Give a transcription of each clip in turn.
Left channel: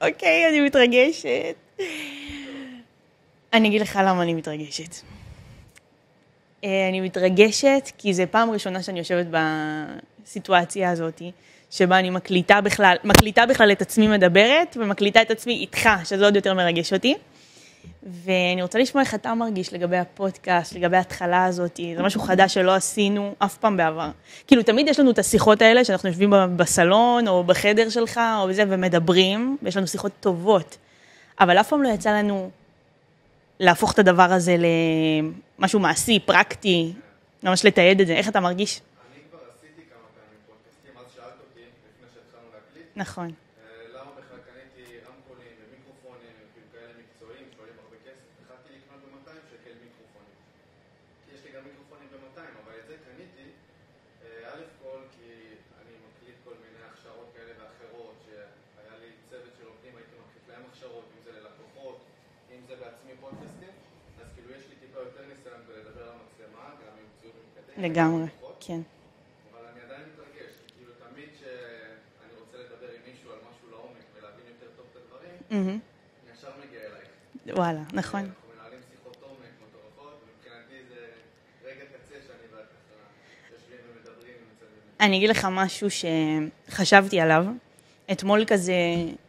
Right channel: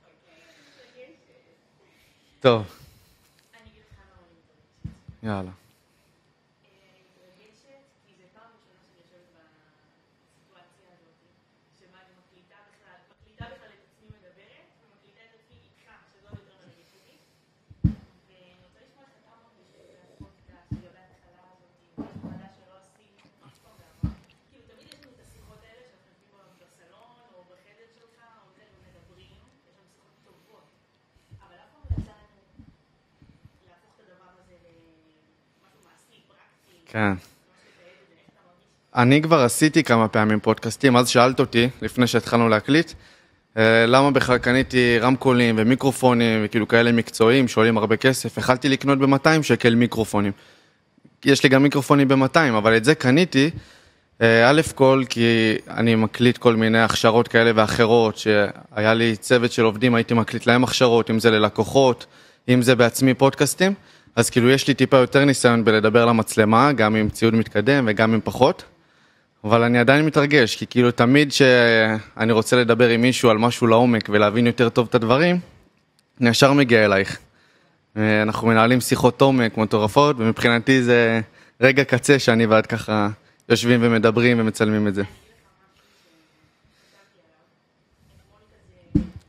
אוקיי, אני מתרגשת. טוב, אני אגיד לך למה אני מתרגשת. יאללה. אני מתרגשת כי זו פעם ראשונה שאני יושבת בסיטואציה הזאת, שבה אני מקליטה בכלל את עצמי מדברת, ומקליטה את עצמי איתך, שזה עוד יותר מרגש אותי. ואני רוצה לשמוע איך אתה מרגיש לגבי הפודקאסט, לגבי ההתחלה הזאת. זה משהו חדש שלא עשינו אף פעם בעבר. כאילו, תמיד יש לנו את השיחות האלה, שאנחנו יושבים בסלון, או בחדר שלך, או בזה, ומדברים, ויש לנו שיחות טובות. אבל אף פעם לא יצא לנו להפוך את הדבר הזה למשהו מעשי, פרקטי, כן. ממש לתעד את זה. איך אתה מרגיש? אני כבר עשיתי כמה פעמים פודקאסטים, אז שאלת אותי, לפני שהתחלנו להקליט, נכון. למה בכלל קניתי רמקולים ומיקרופונים וכאילו כאלה מקצועיים, שעולים הרבה כסף. החלתי לקנות ב-200 שקל מיקרופונים. יש לי גם מיקרופונים ב-200, אבל את זה קניתי, א' כל, כי אני מקליט כל מיני הכשרות כאלה ואחרות, שהיה לי צוות של עובדים, הייתי מקליט להם הכשרות, אם זה ללקוחות, אם זה בעצמי פודקאסטים, אז כאילו יש לי טיפה יותר ניסיון בלדבר למצלמה, גם עם ציוד מתקדם וגם עם פחות. כן. אבל אני עדיין מתרגש, כי כאילו תמיד שאני רוצה לדבר עם מישהו על משהו לעומק ולהבין יותר טוב את הדברים, אני ישר מגיע אלייך. וואלה, נכון. אנחנו מנהלים שיחות עומק מטורפות, ומבחינתי זה רגע קצה שאני ועד ככה יושבים ומדברים ומצלמים את זה. אני אגיד לך משהו שחשבתי עליו. אתמול כזה,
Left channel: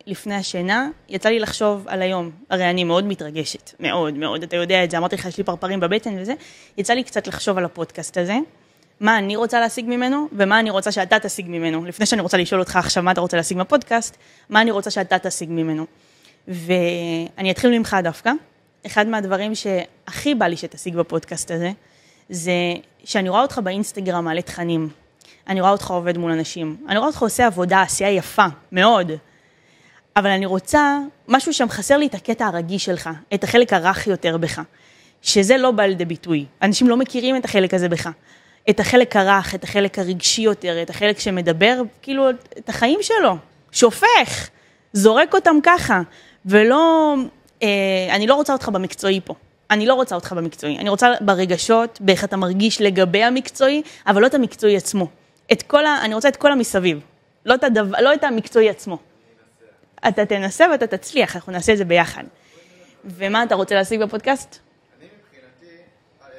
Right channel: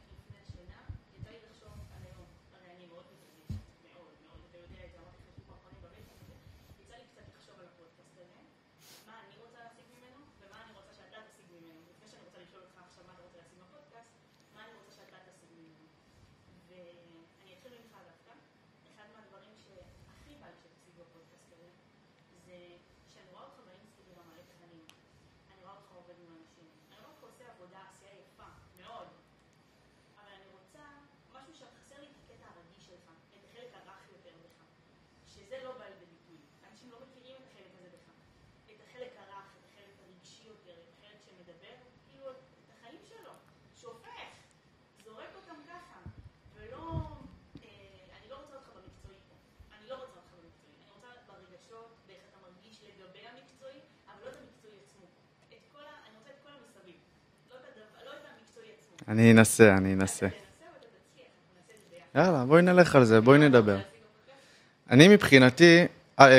לפני השינה, יצא לי לחשוב על היום. הרי אני מאוד מתרגשת, מאוד מאוד. אתה יודע את זה, אמרתי לך, יש לי פרפרים בבטן וזה. יצא לי קצת לחשוב על הפודקאסט הזה. מה אני רוצה להשיג ממנו, ומה אני רוצה שאתה תשיג ממנו. לפני שאני רוצה לשאול אותך עכשיו מה אתה רוצה להשיג מהפודקאסט, מה אני רוצה שאתה תשיג ממנו. ואני אתחיל ממך דווקא. אחד מהדברים שהכי בא לי שתשיג בפודקאסט הזה, זה שאני רואה אותך באינסטגרם מעלה תכנים. אני רואה אותך עובד מול אנשים. אני רואה אותך עושה עבודה, עשייה יפה, מאוד. אבל אני רוצה, משהו שם חסר לי את הקטע הרגיש שלך, את החלק הרך יותר בך. שזה לא בא לידי ביטוי. אנשים לא מכירים את החלק הזה בך. את החלק הרך, את החלק הרגשי יותר, את החלק שמדבר, כאילו, את החיים שלו. שופך, זורק אותם ככה. ולא, אני לא רוצה אותך במקצועי פה. אני לא רוצה אותך במקצועי. אני רוצה ברגשות, באיך אתה מרגיש לגבי המקצועי, אבל לא את המקצועי עצמו. אני רוצה את כל המסביב. לא את המקצועי עצמו. אני אנסה. אתה תנסה ואתה תצליח, אנחנו נעשה את זה ביחד. יאללה, בואי נלך על זה, בואי נדבר. ומה אתה רוצה להשיג בפודקאסט? אני מבחינתי,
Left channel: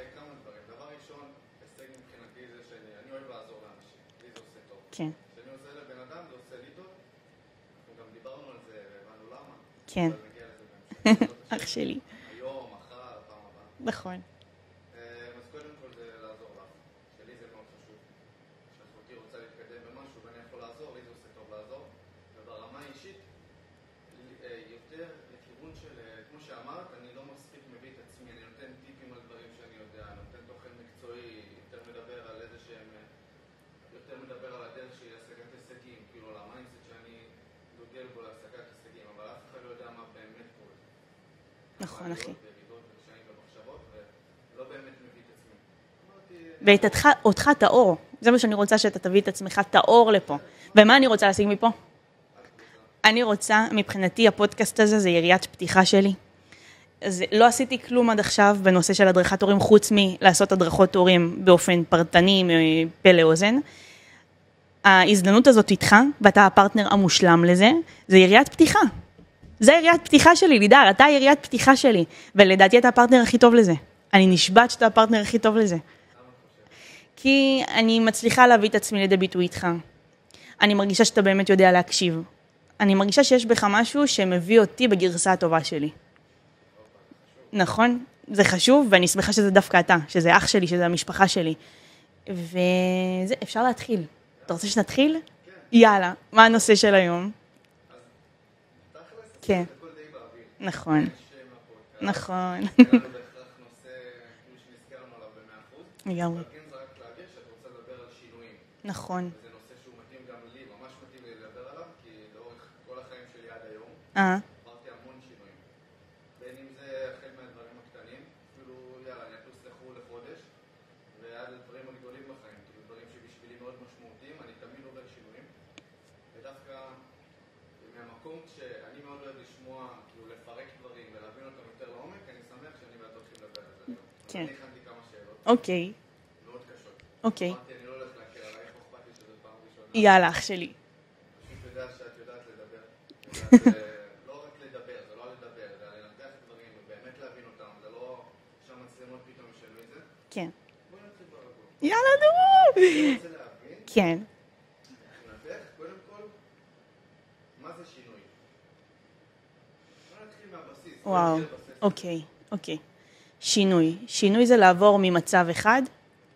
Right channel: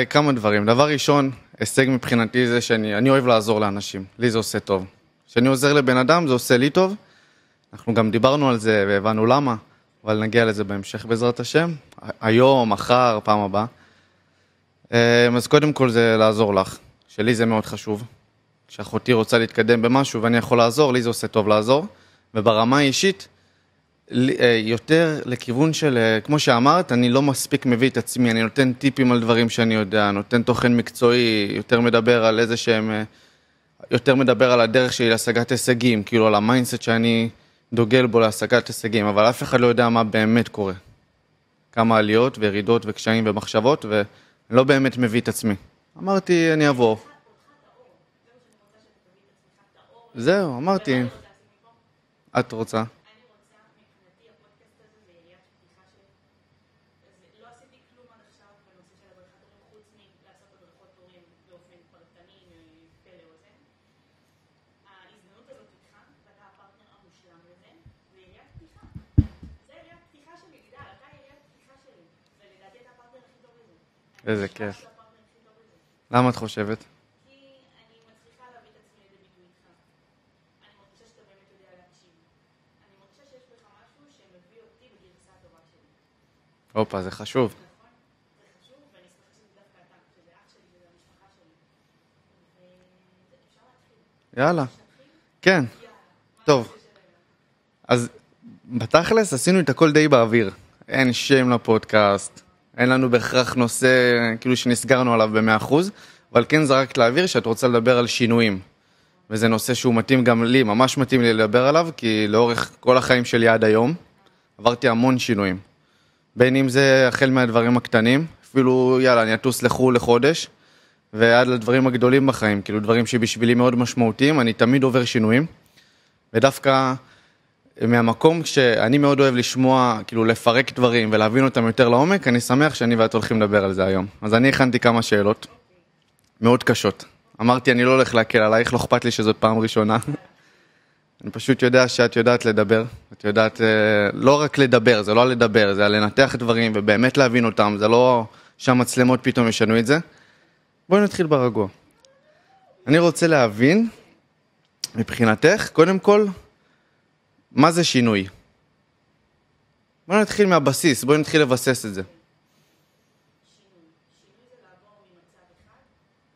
כמה דברים. דבר ראשון, הישג מבחינתי זה שאני אוהב לעזור לאנשים. לי זה עושה טוב. כן. כשאני עוזר לבן אדם, זה עושה לי טוב. אנחנו גם דיברנו על זה והבנו למה. כן. אבל נגיע לזה בהמשך בעזרת השם. אח שלי. היום, מחר, פעם הבאה. נכון. אז קודם כל זה לעזור לך. שלי זה מאוד חשוב. כשאחותי רוצה להתקדם במשהו ואני יכול לעזור, לי זה עושה טוב לעזור. וברמה האישית, יותר לכיוון של, כמו שאמרת, אני לא מספיק מביא את עצמי, אני נותן טיפים על דברים שאני יודע, נותן תוכן מקצועי, יותר מדבר על איזה שהם, יותר מדבר על הדרך שלי להשגת הישגים, כאילו על המיינדסט שאני דוגל בו להשגת הישגים, אבל אף אחד לא יודע מה באמת קורה. כמה עליות וירידות וקשיים ומחשבות, ואני לא באמת מביא את עצמי. אמרתי, אני אעבור. ואותך תאור. זה מה שאני רוצה שאתה תביא את עצמך תאור לפה. זהו, אמרתי. ומה אני רוצה להשיג מפה? את רוצה? אני רוצה, מבחינתי, הפודקאסט הזה זה יריית פתיחה שלי. לא עשיתי כלום עד עכשיו בנושא של הדרכת הורים, חוץ מלעשות הדרכות הורים באופן פרטני, פה לאוזן. ההזדמנות הזאת איתך, ואתה הפרטנר המושלם לזה, זה יריית פתיחה. זה יריית פתיחה שלי, לידר, אתה יריית פתיחה שלי. ולדעתי אתה הפרטנר הכי טוב לזה. אני נשבעת שאתה הפרטנר הכי טוב לזה. למה את חושבת? כי אני מצליחה להביא את עצמי לידי ביטוי איתך. אני מרגישה שאתה באמת יודע להקשיב. אני מרגישה שיש בך משהו שמביא אותי בגרסה הטובה שלי. אופה, זה חשוב. נכון? זה חשוב, ואני שמחה שזה דווקא אתה, שזה אח שלי, שזה המשפחה שלי. וזה, אפשר להתחיל. יאללה. אתה רוצה שנתחיל? כן. יאללה. מה הנושא של היום? אז בתכלס עשינו את הכל די באוויר. נכון. אין שם לפודקאסט. נכון. אין לנו בהכרח נושא כאילו שנסגרנו עליו ב100%. אבל כן זרקת לאוויר שאת רוצה לדבר על שינויים. נכון. וזה נושא שהוא מתאים גם לי, ממש מתאים לי לדבר עליו, כי לאורך כל החיים שלי עד היום, עברתי המון שינויים. בין אם זה החל מהדברים הקטנים, אפילו יאללה, אני אטוס לחו"ל לחודש, ועד לדברים הגדולים בחיים, כאילו דברים שבשבילי מאוד משמעותיים, אני תמיד עובר שינויים. ודווקא מהמקום שאני מאוד אוהב לשמוע, כאילו לפרק דברים ולהבין אותם יותר לעומק, אני שמח שאני ואת הולכים לדבר על זה היום. אז אני הכנתי כמה שאלות. אוקיי. מאוד קשות. אמרתי, אני לא הולך להקל עלייך, לא אכפת לי שזאת פעם ראשונה. יאללה, אח שלי. אני פשוט יודע שאת יודעת לדבר, את את יודעת, לא רק לדבר, זה לא לדבר, זה לנתח דברים ובאמת להבין אותם, זה לא שהמצלמות פתאום ישנו את זה. כן. בואי נתחיל ברגוע. יאללה, נו! אני רוצה להבין, כן. מבחינתך, קודם כל, מה זה שינוי? בואי נתחיל מהבסיס, בואי נתחיל לבסס את זה. אוקיי. שינוי. שינוי זה לעבור ממצב אחד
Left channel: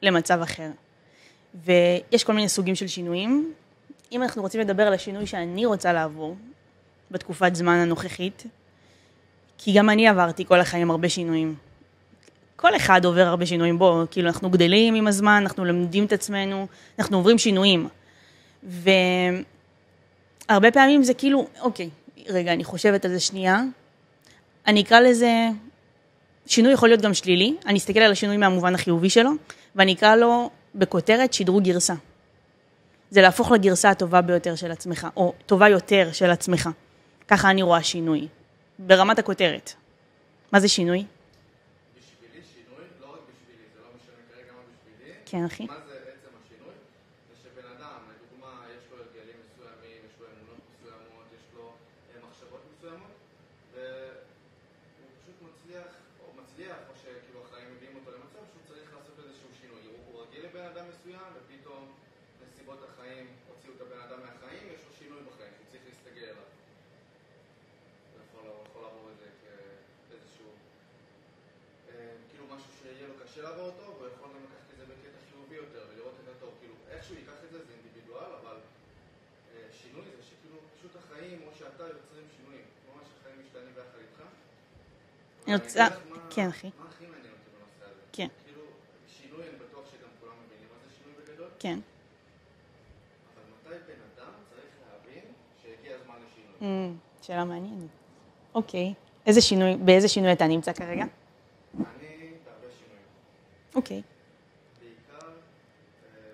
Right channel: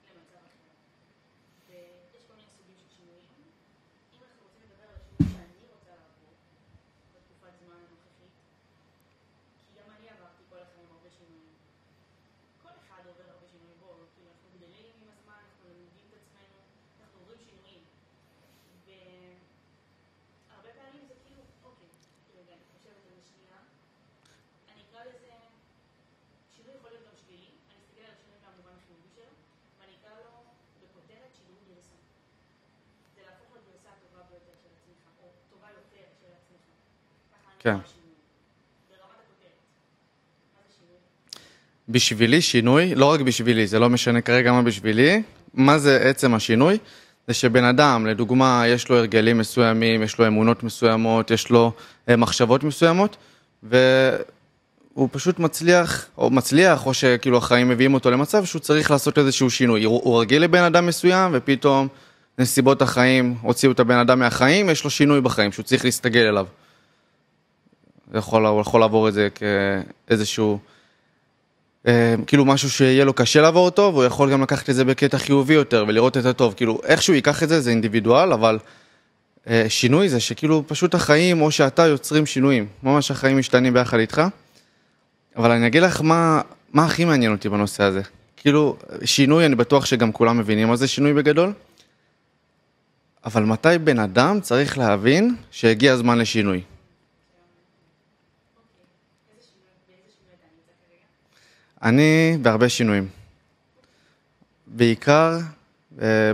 למצב אחר. ויש כל מיני סוגים של שינויים. אם אנחנו רוצים לדבר על השינוי שאני רוצה לעבור, בתקופת זמן הנוכחית, כי גם אני עברתי כל החיים הרבה שינויים. כל אחד עובר הרבה שינויים בו, כאילו אנחנו גדלים עם הזמן, אנחנו למדים את עצמנו, אנחנו עוברים שינויים. והרבה פעמים זה כאילו, אוקיי, רגע, אני חושבת על זה שנייה, אני אקרא לזה, שינוי יכול להיות גם שלילי, אני אסתכל על השינוי מהמובן החיובי שלו, ואני אקרא לו בכותרת שדרוג גרסה. זה להפוך לגרסה הטובה ביותר של עצמך, או טובה יותר של עצמך. ככה אני רואה שינוי, ברמת הכותרת. מה זה שינוי? בשבילי שינוי, לא רק בשבילי, זה לא משנה כרגע מה בשבילי, כן, אחי. מה זה עצם השינוי? זה שבן אדם, לדוגמה, יש לו הרגלים מסוימים, יש לו אמונות מסוימות, יש לו מחשבות מסוימות, והוא פשוט מצליח, או שכאילו החיים מביאים אותו למצב שהוא צריך לעשות איזשהו שינוי. הוא רגיל לבן אדם מסוים, ופתאום נסיבות החיים הוציאו את הבן אדם מהחיים, יש לו שינוי בחיים שהוא צריך להסתגל אליו. הוא יכול לעבור את זה כאיזשהו, כאילו משהו שיהיה לו קשה לעבור אותו, והוא יכול גם לקחת את זה בקטע חיובי יותר, ולראות את הטוב. כאילו, איכשהו ייקח את זה, זה אינדיבידואל, אבל שינוי זה שכאילו פשוט החיים, או שאתה יוצרים שינויים. ממש החיים משתנים ביחד איתך. אבל אני אגיד לך מה הכי מעניין אותי בנושא הזה. כן. כאילו, שינוי, אני בטוח שגם כולם מבינים מה זה שינוי בגדול. כן. אבל מתי בן אדם צריך להבין שהגיע הזמן לשינוי? שאלה מעניינת. אוקיי. באיזה שינוי אתה נמצא כרגע? אני בהרבה שינויים. אוקיי. בעיקר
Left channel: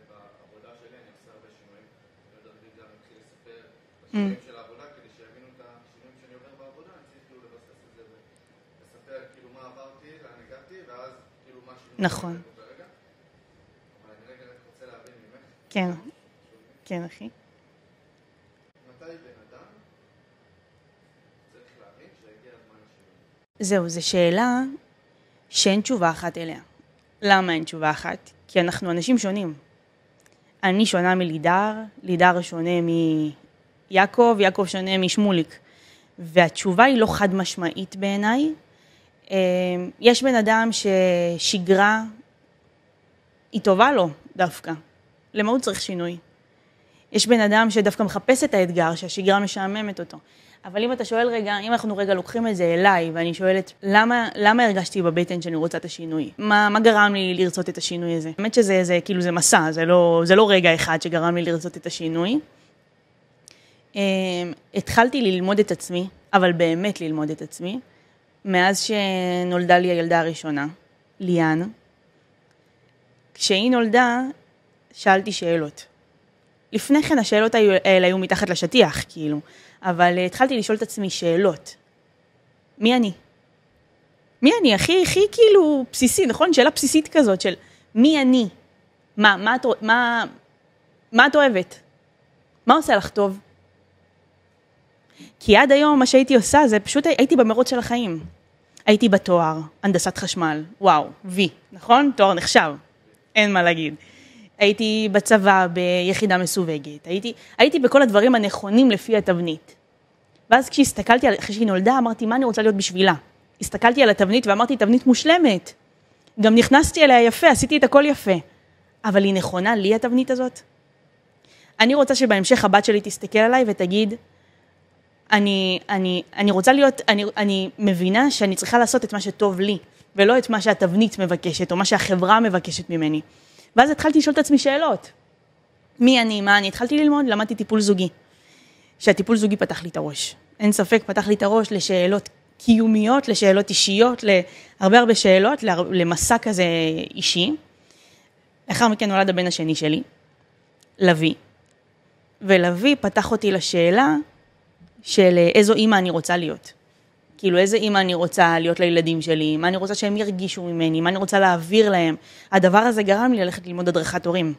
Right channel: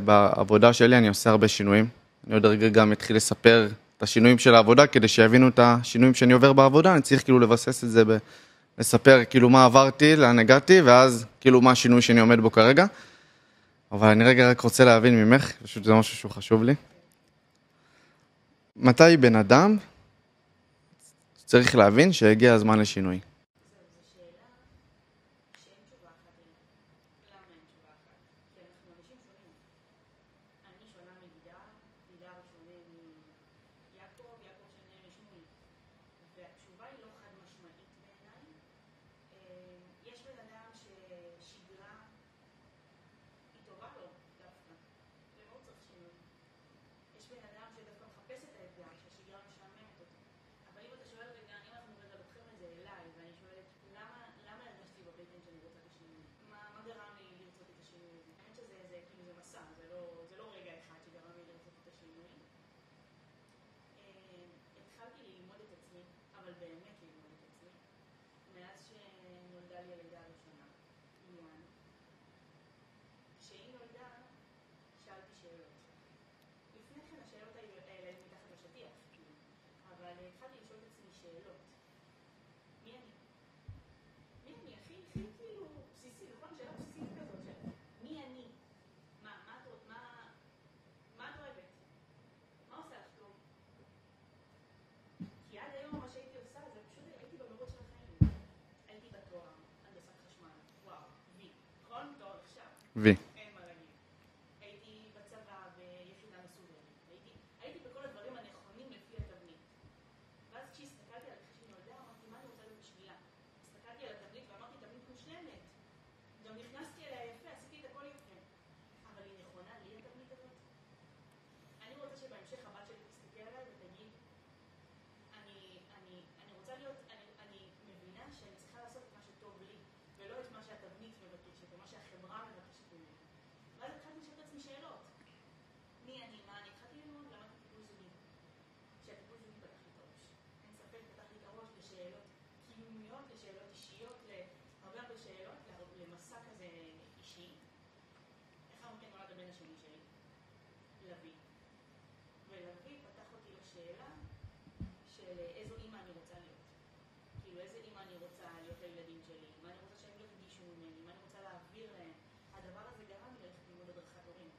בעבודה שלי אני עושה הרבה שינויים. אני עוד רגע גם אתחיל לספר את השינויים של העבודה, כדי שיבינו את השינויים שאני עובר בעבודה. אני צריך כאילו לבסס את זה, לספר כאילו מה עברתי, לאן הגעתי, ואז כאילו מה השינוי שאני עומד בו כרגע. אבל אני רגע רק רוצה להבין ממך, פשוט זה משהו שהוא חשוב לי. כן, אחי. מתי בן אדם צריך להבין שהגיע הזמן לשינוי? זהו, זו שאלה שאין תשובה אחת אליה. למה אין תשובה אחת? כי אנחנו אנשים שונים. אני שונה מלידר, לידר שונה מיעקב, יעקב שונה משמוליק. והתשובה היא לא חד משמעית בעיניי. יש בן אדם ששגרה היא טובה לו דווקא. למה הוא צריך שינוי? יש בן אדם שדווקא מחפש את האתגר, שהשגרה משעממת אותו. אבל אם אתה שואל רגע, אם אנחנו רגע לוקחים את זה אליי, ואני שואלת, למה הרגשתי בבטן שאני רוצה את השינוי? מה גרם לי לרצות את השינוי הזה? באמת שזה כאילו זה מסע, זה לא רגע אחד שגרם לי לרצות את השינוי. התחלתי ללמוד את עצמי, אבל באמת ללמוד את עצמי, מאז שנולדה לי הילדה הראשונה, ליאן. כשהיא נולדה, שאלתי שאלות. לפני כן השאלות האלה היו מתחת לשטיח, כאילו. אבל התחלתי לשאול את עצמי שאלות. מי אני? מי אני? הכי כאילו בסיסי, נכון? שאלה בסיסית כזאת של מי אני? מה את אוהבת? מה עושה לך טוב? כי עד היום מה שהייתי עושה זה פשוט הייתי במרוץ של החיים. הייתי בתואר, הנדסת חשמל, וואו, וי, נכון? תואר נחשב. וי. אין מה להגיד. הייתי בצבא ביחידה מסווגת, הייתי בכל הדברים הנכונים לפי התבנית. ואז כשהסתכלתי על אחרי שהיא נולדה, אמרתי, מה אני רוצה להיות בשבילה? הסתכלתי על התבנית ואמרתי, תבנית מושלמת. גם נכנסתי אליה יפה, עשיתי את הכל יפה. אבל היא נכונה לי התבנית הזאת? אני רוצה שבהמשך הבת שלי תסתכל עליי ותגיד, אני רוצה להיות, אני מבינה שאני צריכה לעשות את מה שטוב לי, ולא את מה שהתבנית מבקשת, או מה שהחברה מבקשת ממני. ואז התחלתי לשאול את עצמי שאלות. מי אני, מה אני? התחלתי ללמוד, למדתי טיפול זוגי. שהטיפול זוגי פתח לי את הראש. אין ספק, פתח לי את הראש לשאלות קיומיות, לשאלות אישיות, להרבה שאלות, למסע כזה אישי. לאחר מכן נולד הבן השני שלי, לוי. ולוי פתח אותי לשאלה של איזו אימא אני רוצה להיות. כאילו איזה אימא אני רוצה להיות לילדים שלי, מה אני רוצה שהם ירגישו ממני, מה אני רוצה להעביר להם. הדבר הזה גרם לי ללכת ללמוד הדרכת הורים.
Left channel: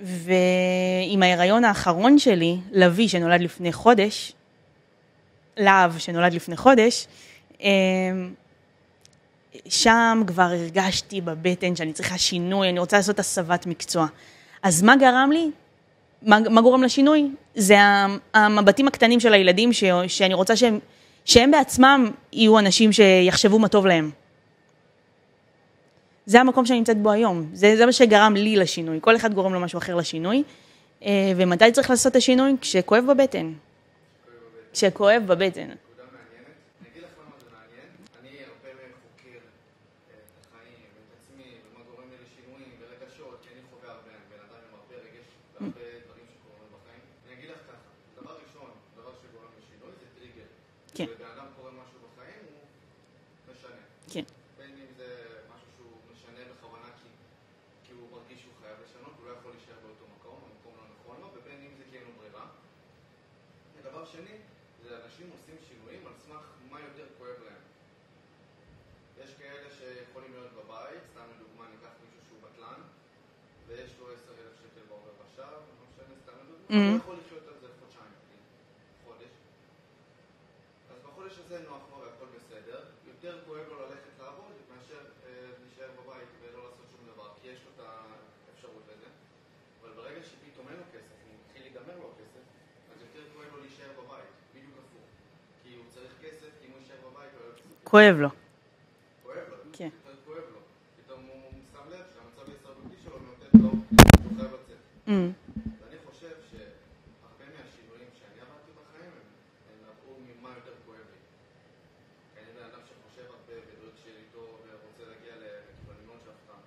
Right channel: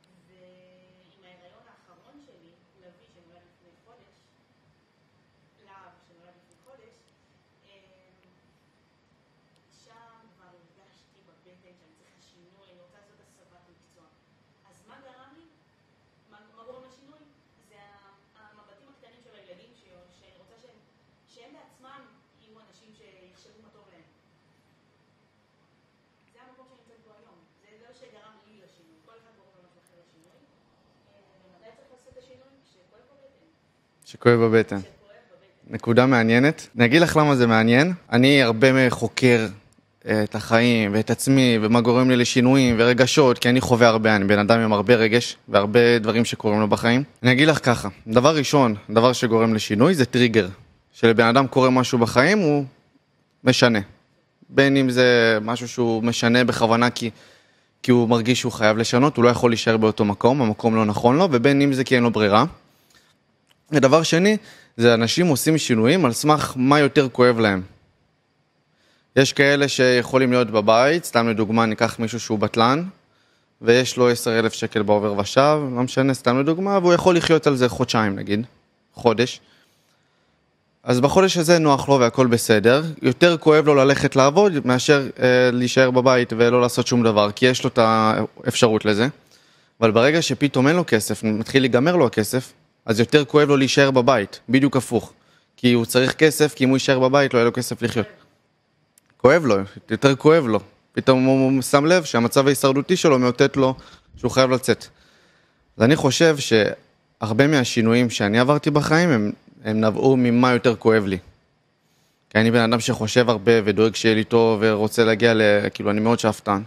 ועם ההיריון האחרון שלי, לוי שנולד לפני חודש, להב שנולד לפני חודש, שם כבר הרגשתי בבטן שאני צריכה שינוי, אני רוצה לעשות הסבת מקצוע. אז מה גרם לי? מה גורם לשינוי? זה המבטים הקטנים של הילדים שאני רוצה שהם בעצמם יהיו אנשים שיחשבו מה טוב להם. זה המקום שאני נמצאת בו היום. זה מה שגרם לי לשינוי. כל אחד גורם לו משהו אחר לשינוי. ומתי צריך לעשות את השינוי? כשכואב בבטן. שכואב בבטן. כשכואב בבטן. נקודה מעניינת. אני אגיד לך למה זה מעניין. אני הרבה חוקר את החיים ואת עצמי ומה גורם לי לשינויים ורגשות, כי אני חווה הרבה, אני בן אדם עם הרבה רגש והרבה דברים שקורים לו בחיים. אני אגיד לך ככה, דבר ראשון, דבר שגורם לשינוי זה טריגר. כשלבן אדם קורה משהו בחיים, הוא משנה. כן. בין אם זה משהו שהוא משנה בכוונה כי הוא מרגיש שהוא חייב לשנות, הוא לא יכול להישאר באותו מקום, המקום לא נכון לו, ובין אם זה כי אין לו ברירה. ודבר שני, זה אנשים עושים שינויים על סמך מה יותר כואב להם. יש כאלה שיכולים להיות בבית, סתם לדוגמה ניקח מישהו שהוא בטלן, ויש לו 10,000 שקל בעובר ושב, לא משנה, סתם לדוגמה, והוא יכול לחיות על זה חודשיים נגיד, חודש. אז בחודש הזה נוח לו והכל בסדר, יותר כואב לו ללכת לעבוד מאשר להישאר בבית ולא לעשות שום דבר, כי יש לו את האפשרות לזה. אבל ברגע שפתאום אין לו כסף, מתחיל להיגמר לו הכסף, אז יותר כואב לו להישאר בבית, בדיוק הפוך. כי הוא צריך כסף, כי אם הוא יישאר בבית לא יהיה לו כסף לחיות. כואב לו. כואב לו, כן. יותר כואב לו. פתאום הוא שם לב שהמצב ההישרדותי שלו מאותת לו שהוא חייב לצאת. אז אני חושב שהרבה מהשינויים שאני עברתי בחיים הם נבעו ממה יותר כואב לי. כי אני בן אדם שחושב הרבה ודואג שיהיה לי טוב ורוצה להגיע כאילו אני מאוד שאפתן.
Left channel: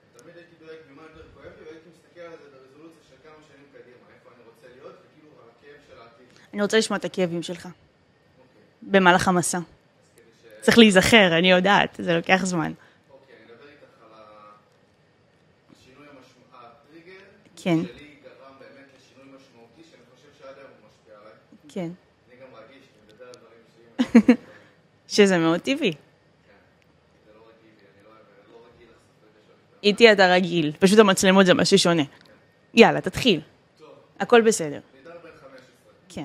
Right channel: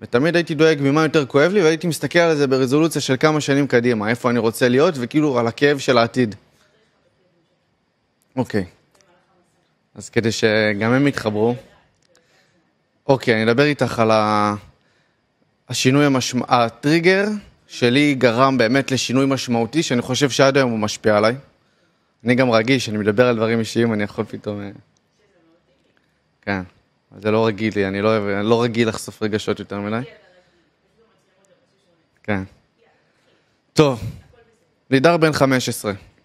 ותמיד הייתי דואג ממה יותר כואב לי והייתי מסתכל על זה ברזולוציה של כמה שנים קדימה, איפה אני רוצה להיות וכאילו על הכאב של העתיד. אני רוצה לשמוע את הכאבים שלך. אוקיי. במהלך המסע. אז כדי צריך להיזכר, אני יודעת, זה לוקח זמן. אוקיי, אני אדבר איתך על השינוי הטריגר כן. שלי גרם באמת לשינוי משמעותי, שאני חושב שעד היום הוא משפיע עליי. כן. אני גם רגיש, אני מדבר על דברים אישיים, אני יכול פתאום... שזה מאוד טבעי. כן, זה לא רגיל לי, אני לא רגיל לחשוף רגשות יותר מדי. איתי אתה רגיל, פשוט המצלמות זה משהו שונה. כן. יאללה, תתחיל. טוב. הכל בסדר. לידר בן 15. כן.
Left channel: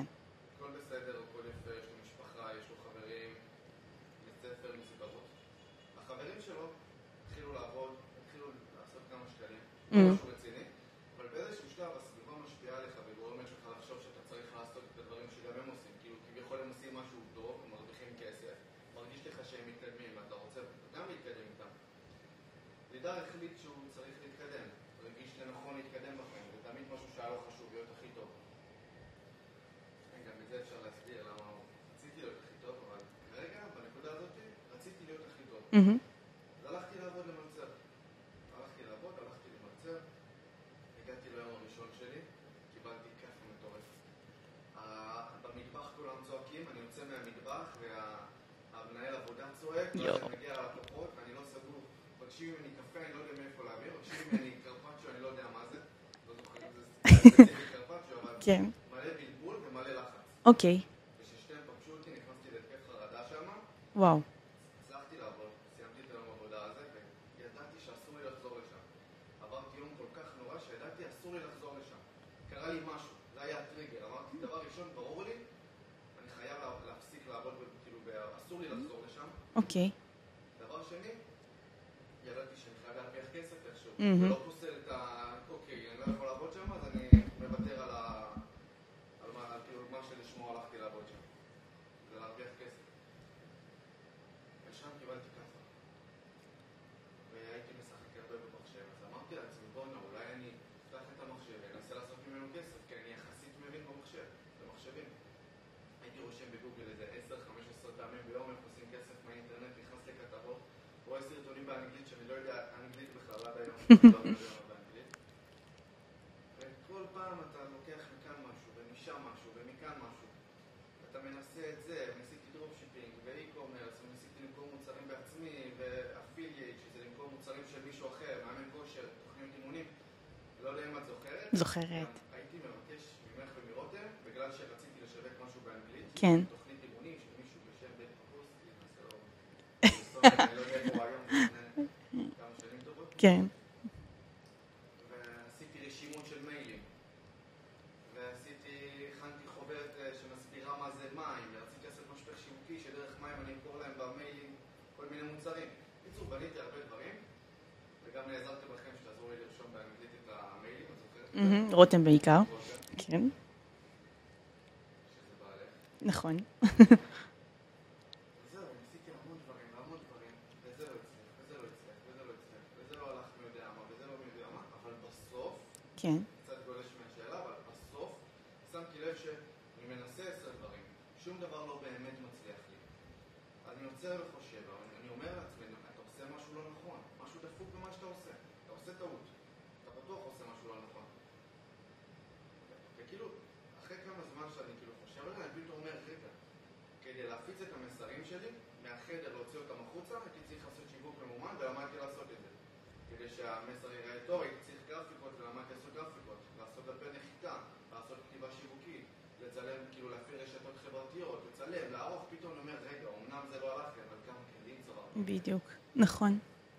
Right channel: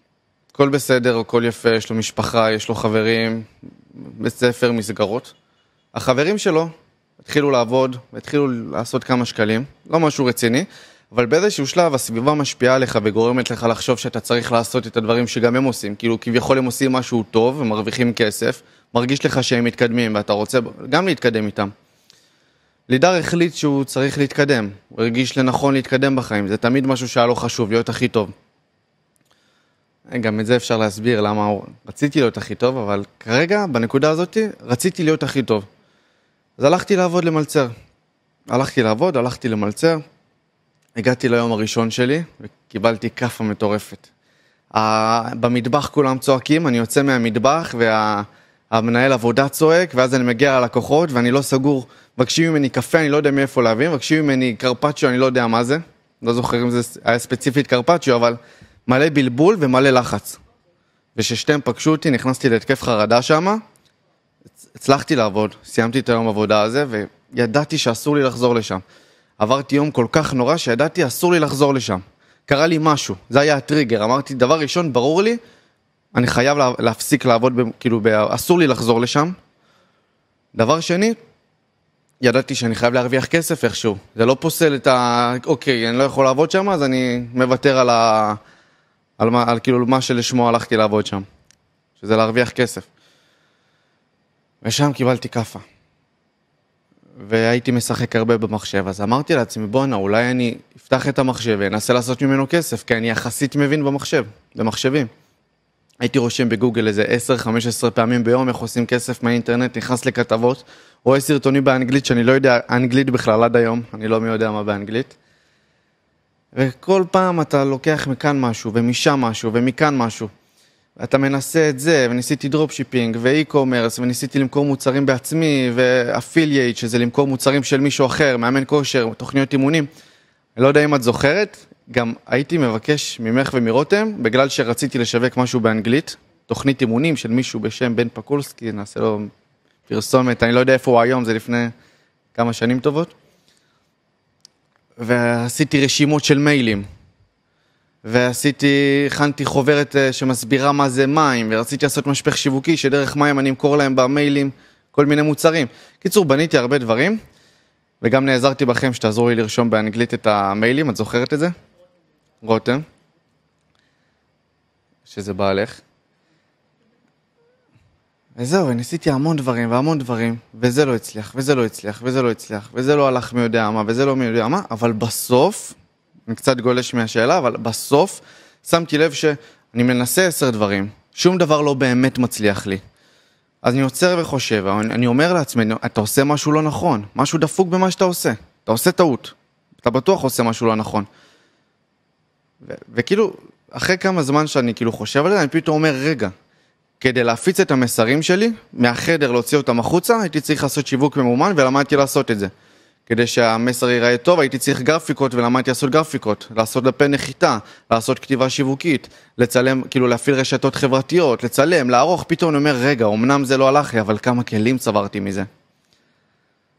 הכל בסדר, הכל יפה, יש לו משפחה, יש לו חברים, בית ספר, מסגרות. החברים שלו התחילו לעבוד, התחילו לעשות כמה שקלים, לא משהו רציני, אבל באיזשהו שלב הסביבה משפיעה עליך וגורמת לך לחשוב שאתה צריך לעשות את הדברים שגם הם עושים. כאילו כביכול הם עושים משהו טוב ומרוויחים כסף, מרגיש לך שהם מתקדמים ואתה רוצה גם להתקדם איתם. לידר החליט שהוא צריך להתקדם, הוא הרגיש לנכון להתקדם בחיים, זה תמיד משהו שהיה לו חשוב, להיות הכי טוב. גם את זה אפשר להסביר למה רציתי להיות הכי טוב, אבל כרגע, בנקודה הזאת, רציתי להיות הכי טוב. אז הלכתי לעבוד למלצר. הלכתי למלצר, הגעתי ליום הראשון שלי, וקיבלתי כפה מטורפת. במטבח כולם צועקים, אני יוצא מהמטבח, והמנהל עבודה צועק, ואז אני מגיע ללקוחות, ואני לא סגור, מבקשים ממני קפה, אני לא יודע מאיפה להביא, מבקשים ממני קרפצ'ו, אני לא יודע מה זה. לא זוכר אם זה היה ספציפית קרפצ'ו, אבל כן. מלא בלבול ומלא לחץ. אוקיי. וששתיהם פגשו אותי, נכנסתי להתקף חרדה שם. וואו. הצלחתי לעבוד, סיימתי את היום עבודה הזה, וידעתי שאסור לי לחזור לשם. עברתי יום כל כך נורא שידעתי אסור לי לחזור לשם. קרה לי משהו, זה היה הטריגר. אמרתי, דבר ראשון, ברור לי, אני חייב להפסיק לעבוד, כאילו, אסור לי לחזור לשם. אוקיי. דבר שני, ידעתי שאני חייב להרוויח כסף איכשהו. זה לא פוסל את אוקיי, אני לא יכול לעבוד שם, אז אני מוותר על כאילו מה שלשמו הלכתי לעבוד שם. שזה להרוויח כסף. ושם קיבלתי כפה. והייתי משחק הרבה במחשב, אז אמרתי לעצמי, בואנה, אולי אני אפתח את המחשב ואנסה לעשות ממנו כסף, כי אני יחסית מבין במחשבים. הייתי רושם בגוגל איזה 10-15 פעמים ביום איך עושים כסף מהאינטרנט, נכנס לכתבות, רואה סרטונים באנגלית שאני לא יודע אנגלית בכלל עד היום, אני לא מי יודע מה באנגלית. וכל פעם אתה לוקח מכאן משהו, ומשם משהו, ומכאן משהו. אתה מנסה את זה, וניסיתי דרופשיפינג, ואי-קומרס, וניסיתי למכור מוצרים בעצמי, ואפילייט, שזה למכור מוצרים של מישהו אחר, מאמן כושר, תוכניות אימונים. אני לא יודע אם את זוכרת. גם הייתי מבקש ממך ומרותם, בגלל שרציתי לשווק משהו באנגלית. כן. תוכנית אימונים של מישהו בשם בן פקולסקי, נעשה לו פרסומת, אני לא יודע איפה הוא היום, זה לפני כמה שנים טובות. כן. ועשיתי רשימות של מיילים. הכנתי חוברת שמסבירה מה זה מים, ורציתי לעשות משפך שיווקי, שדרך מים אני אמכור להם במיילים כל מיני מוצרים. קיצור, בניתי הרבה דברים, וגם נעזרתי בכם שתעזרו לי לרשום באנגלית את המיילים, את זוכרת את זה? רותם בעיקר. רותם, כן, שזה בעלך. נכון. וזהו, וניסיתי המון דברים, וזה לא הצליח, וזה לא הלך מי יודע מה, וזה לא מי יודע מה, אבל בסוף, כן. אני קצת גולש מהשאלה, אבל בסוף שמתי לב שאני מנסה 10 דברים, שום דבר לא באמת מצליח לי. אז אני עוצר וחושב, אני אומר לעצמי, אתה עושה משהו לא נכון, משהו דפוק במה שאתה עושה, אתה עושה טעות, אתה בטוח עושה משהו לא נכון. וכאילו, אחרי כמה זמן שאני כאילו חושב על זה, אני פתאום אומר, רגע, כדי להפיץ את המסרים שלי, מהחדר להוציא אותם החוצה, הייתי צריך לעשות שיווק ממומן ולמדתי לעשות את זה. כדי שהמסר ייראה טוב, הייתי צריך גרפיקות ולמדתי לעשות גרפיקות, לעשות דפי נחיתה, לעשות כתיבה שיווקית, לצלם, כאילו להפעיל רשתות חברתיות, לצלם, לערוך, פתאום אני אומר, רגע, אמנם זה לא הלך לי, אבל כמה כלים צברתי מזה. בדיוק, נכון.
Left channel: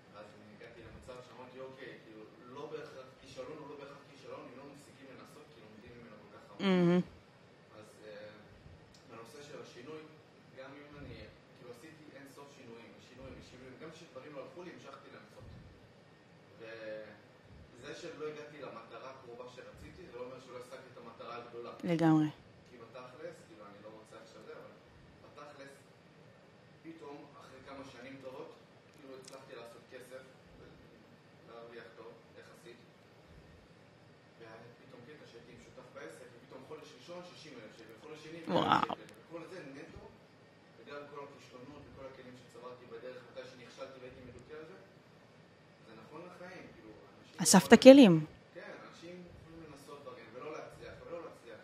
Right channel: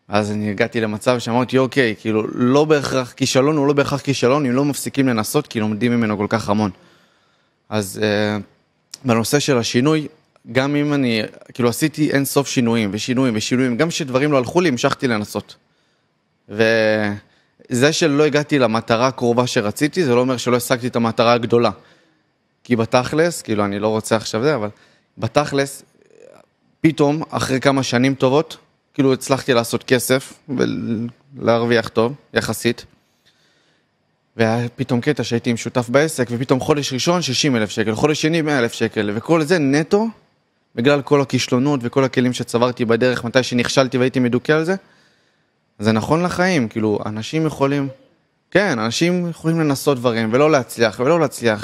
אז אני הגעתי למצב שאמרתי, אוקיי, כאילו, לא בהכרח כישלון, הוא לא בהכרח כישלון, אם לא מפסיקים לנסות, כי לומדים ממנו כל כך המון. אז בנושא של השינוי, גם אם אני, כאילו עשיתי אין סוף שינויים, גם שדברים לא הלכו לי, המשכתי לנסות. וזה שלא הגעתי למטרה הקרובה שרציתי, זה לא אומר שלא השגתי את המטרה הגדולה. לגמרי. כי בתכלס, כאילו אני לא רוצה עכשיו זה, אבל בתכלס, פתאום, אחרי כמה שנים טובות, כאילו הצלחתי לעשות כסף ולהרוויח טוב, יחסית. והיה פתאום קטע שהייתי עם שותף בעסק, ופתאום חודש ראשון 60,000 שקל, חודש שני 100,000 שקל, וכל זה נטו, בגלל כל הכישלונות וכל הכלים שצברתי בדרך, מתי שנכשלתי והייתי מדוכא על זה, זה נכון לחיים, כאילו, אנשים יכולים... אספת כלים. כן, אנשים יכולים לנסות דברים, ולא להצליח,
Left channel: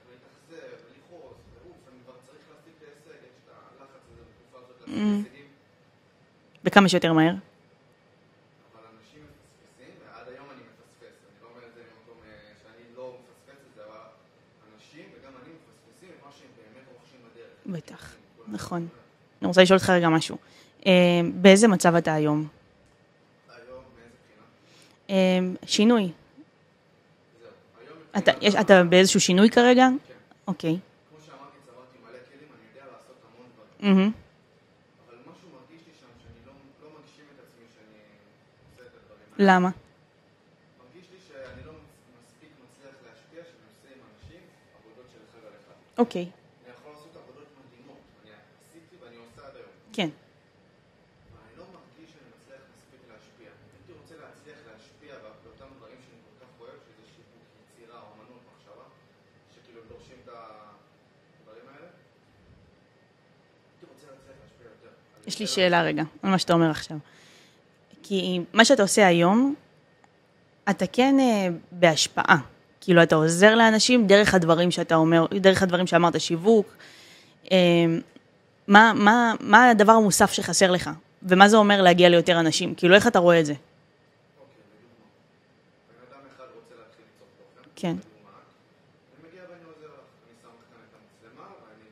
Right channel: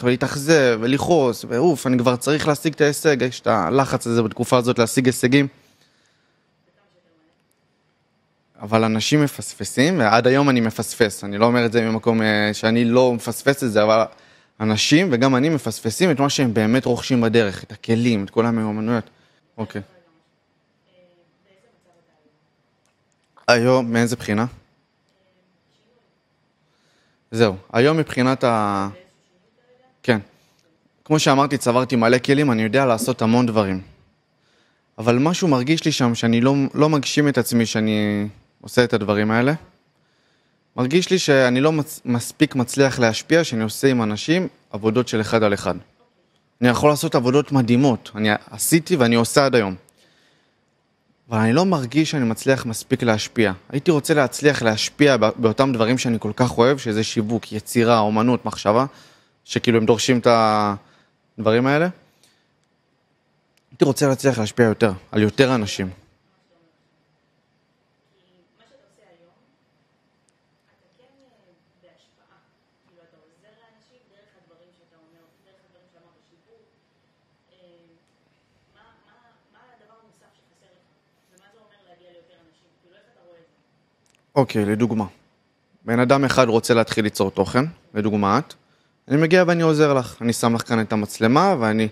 ולהתאכזב, ולכעוס, ואוף, אני כבר צריך להשיג את ההישג, יש את הלחץ הזה בתקופה הזאת להשיג הישגים. וכמה שיותר מהר. אבל אנשים מפספסים, ועד היום אני מפספס, אני לא אומר את זה ממקום שאני לא מפספס את זה, אבל אנשים וגם אני מפספסים את מה שהם באמת רוכשים בדרך, את הכלים, את כל המיומנויות. אני רוצה לשאול אותך רגע משהו. באיזה מצב אתה היום? היום, מאיזה בחינה? שינוי. זהו, היום מבחינת אתה באיזשהו שינוי כרגע? כן. אוקיי. כמו שאמרתי, צברתי מלא כלים, אני יודע לעשות המון דברים. אבל משהו מרגיש לי שם שאני לא מגשים את עצמי שאני עושה את הדברים האלה. למה? מרגיש לי שאני לא מספיק מצליח להשפיע, שאני עושה עם אנשים עבודות של אחד על אחד. אוקיי. אני יכול לעשות עבודות מדהימות, אני עשיתי ואני עושה עד היום. כן. אבל אני לא מרגיש שאני מצליח מספיק להשפיע. הייתי רוצה להצליח להשפיע באותם דברים שאני כל כך אוהב, שזה שיווק, יצירה, אומנות, מחשבה, שכאילו הם דורשים את הדברים האלה. הייתי רוצה להצליח להשפיע יותר, על יותר אנשים. שאלה רגע, על מה שאתה אומר עכשיו. כי מה שאתה עושה היום, אתה כן בהשפעה. כאילו אתה עוזר לאנשים דרך הדברים שאתה אומר, דרך הדברים שאמרת, שיווק. מה הדבר המוסף שחסר לך? ומה זה אומר להגיע ליותר אנשים? כאילו איך אתה רואה את זה? אוקיי, לדוגמה. בן אדם אחד רוצה להתחיל ליצור תוכן, כן. לדוגמה את. אני מגיע ואני עוזר לך. אני שם לך כאן את המצלמה ואני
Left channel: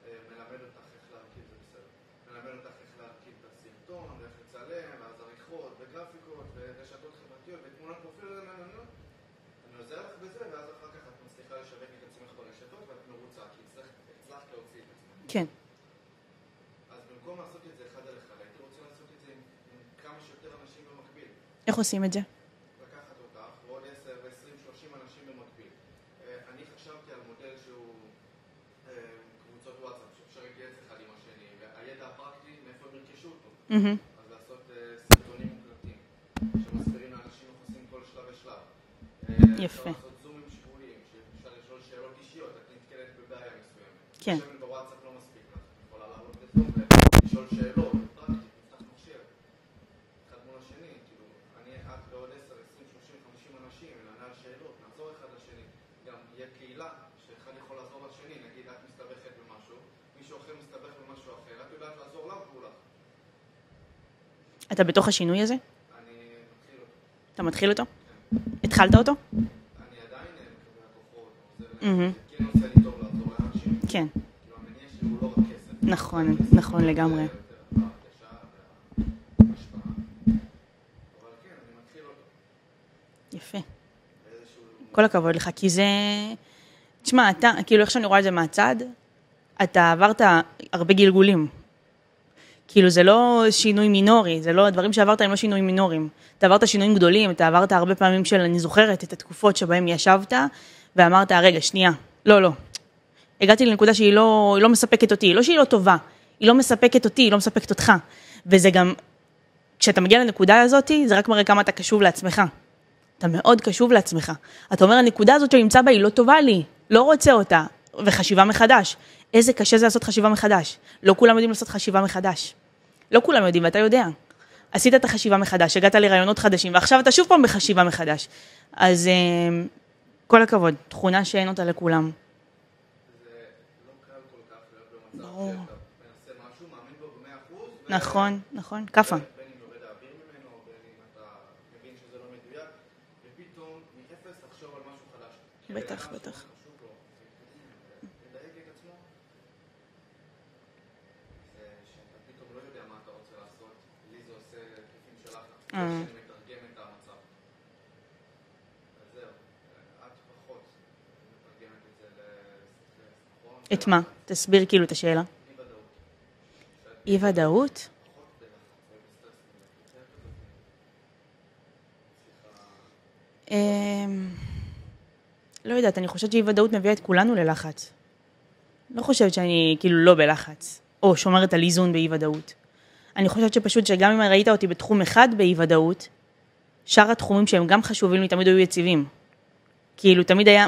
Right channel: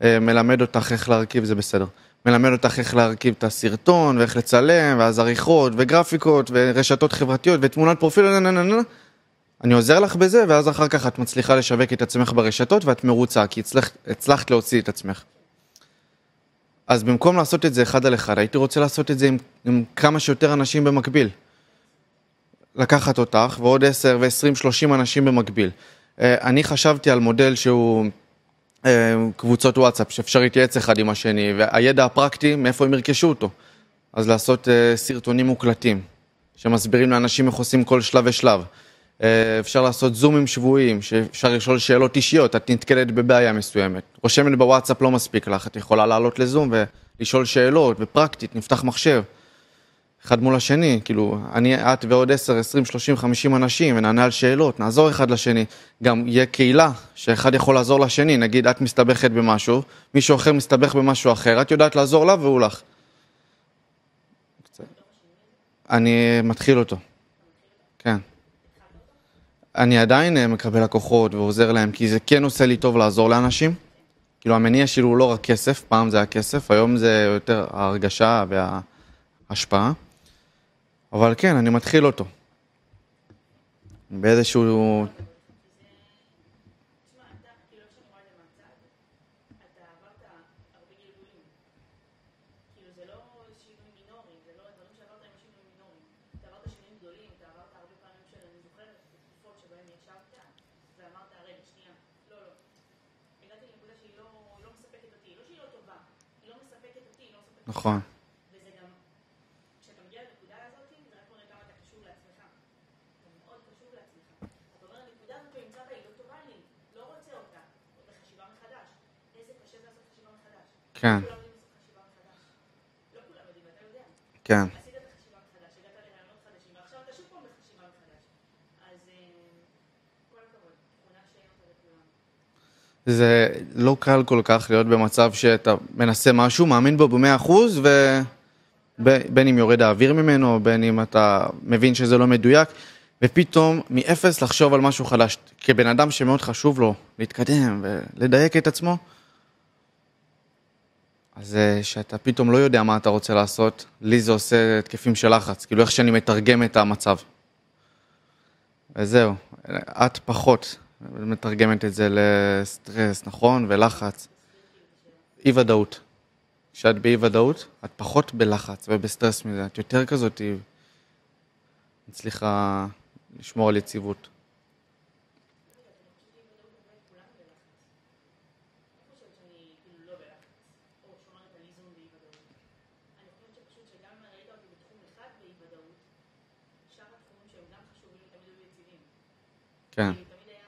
מלמד אותך איך להרכיב, זה בסדר. מלמד אותך איך להרכיב את הסרטון ואיך לצלם, ואז עריכות וגרפיקות ורשתות חברתיות ותמונת פרופיל, אני עוזר לך בזה, ואז אחר כך את מצליחה לשווק את עצמך ברשתות ואת מרוצה, כי הצלחת להוציא את עצמך. כן. אז במקום לעשות את זה אחד על אחד, הייתי רוצה לעשות את זה עם כמה שיותר אנשים במקביל. איך עושים את זה? לקחת אותך ועוד 10 ו-20, 30 אנשים במקביל. אני חשבתי על מודל שהוא קבוצות וואטסאפ, שאפשר להתייעץ אחד עם השני, והידע הפרקטי, מאיפה הם ירכשו אותו. אז לעשות סרטונים מוקלטים, שמסבירים לאנשים איך עושים כל שלב ושלב. אפשר לעשות זומים שבועיים, שאפשר לשאול שאלות אישיות, את נתקלת בבעיה מסוימת. רושמת בוואטסאפ לא מספיק לך, את יכולה לעלות לזום ולשאול שאלות, ופרקטית, נפתח מחשב. אחד מול השני, כאילו, את ועוד 10, 20, 30, 50 אנשים, ונענה על שאלות, נעזור אחד לשני. גם יהיה קהילה, שאחד יכול לעזור לשני, נגיד, את מסתבכת במשהו, מישהו אחר מסתבך במשהו אחר, את יודעת לעזור לה והוא לך. אתה בתוך השינוי הזה? אני מתחיל אותו. אתה מתחיל אותו? כן. התחלת אותו? אני עדיין מקבל לקוחות ועוזר להם, כי זה כן עושה לי טוב לעזור לאנשים. כן. כאילו, המניע שלי הוא לא רק כסף, פעם זה היה כסף, היום זה יותר ההרגשה וההשפעה. אבל כן, אני מתחיל אותו. יפה. באיזשהו... כל הכבוד לך, כי זה... תשמע, אתה, כאילו איך שאני רואה את זה מהצד, אתה עברת הרבה גלגולים. כאילו זה לא שינוי מינורי, זה לא, הדברים שעברת הם לא שינויים מינוריים. אתה עברת שינויים גדולים, אתה עברת הרבה פעמים של, אני זוכרת את התקופות שבהם ישבת, ואמרת, רגע, שנייה, לא. הגעתי לנקודה שהיא לא מספקת אותי, לא שהיא לא טובה, היא לא מספקת אותי, היא לא מספקת אותך. וזה גם, כשאתה מגיע לנקודה הזאת, זה רק מראה כמה אתה קשוב לעצמך. אתה מאוד קשוב לעצמך. אתה אומר, הנקודה הזאת שנמצא בה היא לא טובה לי, לא רוצה אותה, וחשיבה מחדש. איזה קשה זה לעשות חשיבה מחדש. כן. לא כולם יודעים לעשות חשיבה מחדש. לא כולם יודעים, ואתה יודע. כן. עשית את החשיבה מחדש, הגעת לרעיונות חדשים, ועכשיו אתה שוב פעם בחשיבה מחדש. אז כל הכבוד, תכונה שאין אותה לכולם. זה לא קל כל כך להיות במצב שאתה מנסה משהו, מאמין בו ב100%, נכון, ככה. בין אם יורד האוויר ממנו, בין אם אתה מבין שזה לא מדויק, ופתאום מאפס לחשוב על משהו חדש. כבן אדם שמאוד חשוב לו להתקדם ולדייק את עצמו, אז שאתה פתאום לא יודע מה אתה רוצה לעשות, לי זה עושה תקפים של לחץ, כאילו איך שאני מתרגם את המצב. וזהו, את פחות מתרגמת את זה לסטרס, נכון? ולחץ. תסביר כאילו את השאלה. אי ודאות. כשאת באי ודאות, את פחות בלחץ ובסטרס מזה. את יותר כזאת, הצליחה לשמור על יציבות. לא יודעת, אני חושבת שאי ודאות מביאה את כולנו ללחץ. לא חושבת שאני כאילו לא בלחץ, או שומרת על איזון באי ודאות. אני חושבת שפשוט שגם אם ראית אותי בתחום אחד באי ודאות, שאר התחומים שהם גם חשובים לי תמיד היו יציבים. כן. כאילו תמיד היה,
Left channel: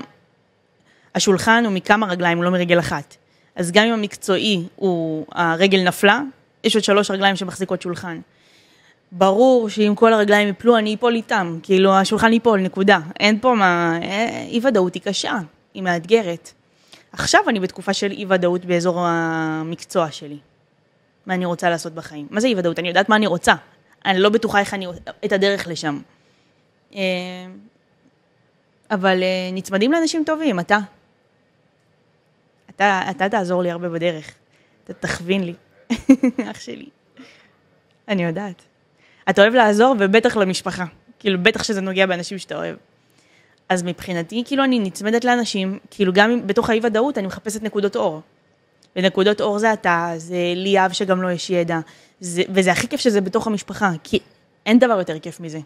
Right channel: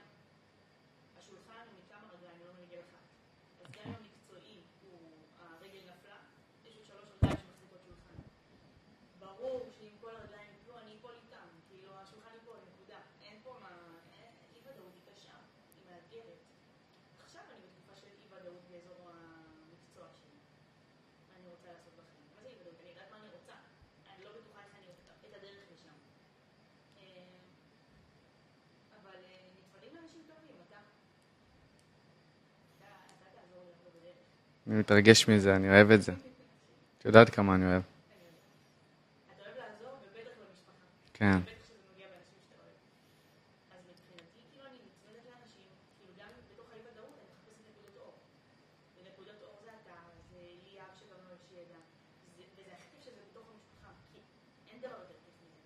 השולחן הוא מכמה רגליים, לא מרגל אחת. אז גם אם המקצועי הוא, הרגל נפלה, יש עוד 3 רגליים שמחזיקות שולחן. ברור שאם כל הרגליים יפלו, אני אפול איתם. כאילו השולחן ייפול, נקודה. אין פה מה, אי ודאות היא קשה, היא מאתגרת. עכשיו אני בתקופה של אי ודאות באזור המקצוע שלי. מה אני רוצה לעשות בחיים. מה זה אי ודאות? אני יודעת מה אני רוצה. אני לא בטוחה איך אני, את הדרך לשם. אבל נצמדים לאנשים טובים, אתה תעזור לי הרבה בדרך. אני מתרגש מזה, אני אוהב את זה. אח שלי. את יודעת כמה אני אוהב. אני יודעת. אתה אוהב לעזור ובטח למשפחה. כאילו בטח שזה נוגע באנשים שאתה אוהב. אז מבחינתי, כאילו אני נצמדת לאנשים, כאילו גם בתוך האי ודאות אני מחפשת נקודות אור. ונקודות אור זה אתה, זה ליאב שגם לא יש ידע. וזה הכי כיף שזה בתוך המשפחה, כי אין דבר יותר כיף מזה.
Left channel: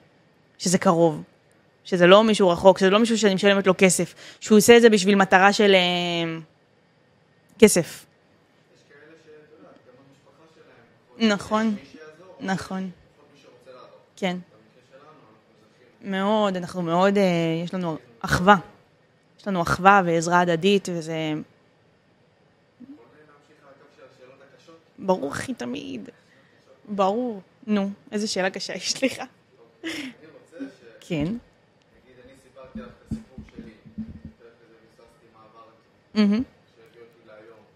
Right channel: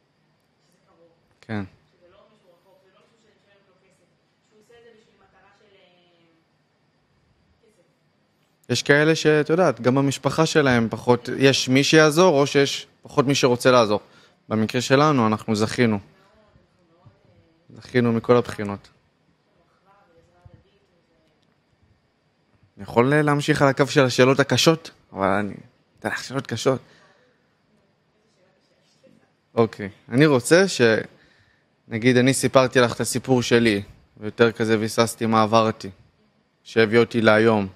שזה קרוב. כן. שזה לא מישהו רחוק, שזה לא מישהו שאני משלמת לו כסף. שהוא עושה את זה בשביל מטרה של כסף. יש כאלה שאת יודעת, גם במשפחה שלהם פחות, נכון. יש מי שיעזור, או נכון. שיש פחות מי שרוצה לעזור. כן. במקרה שלנו אנחנו זכינו. מאוד, אנחנו מאוד, יש לנו זכינו מכל אחווה. הבחינות. יש לנו אחווה ועזרה הדדית, וזה... אני יכול להמשיך על הקו של השאלות הקשות? ברור, הכי תמיד. זה לך שאלות קשות. ברור. נו, איזה שאלה קשה יש לך. אוקיי. אני רוצה כן. נגיד, אני סיפרתי לך את הסיפור שלי, ויותר כזה ויססתי מה עברתי, שהביא אותי להיום.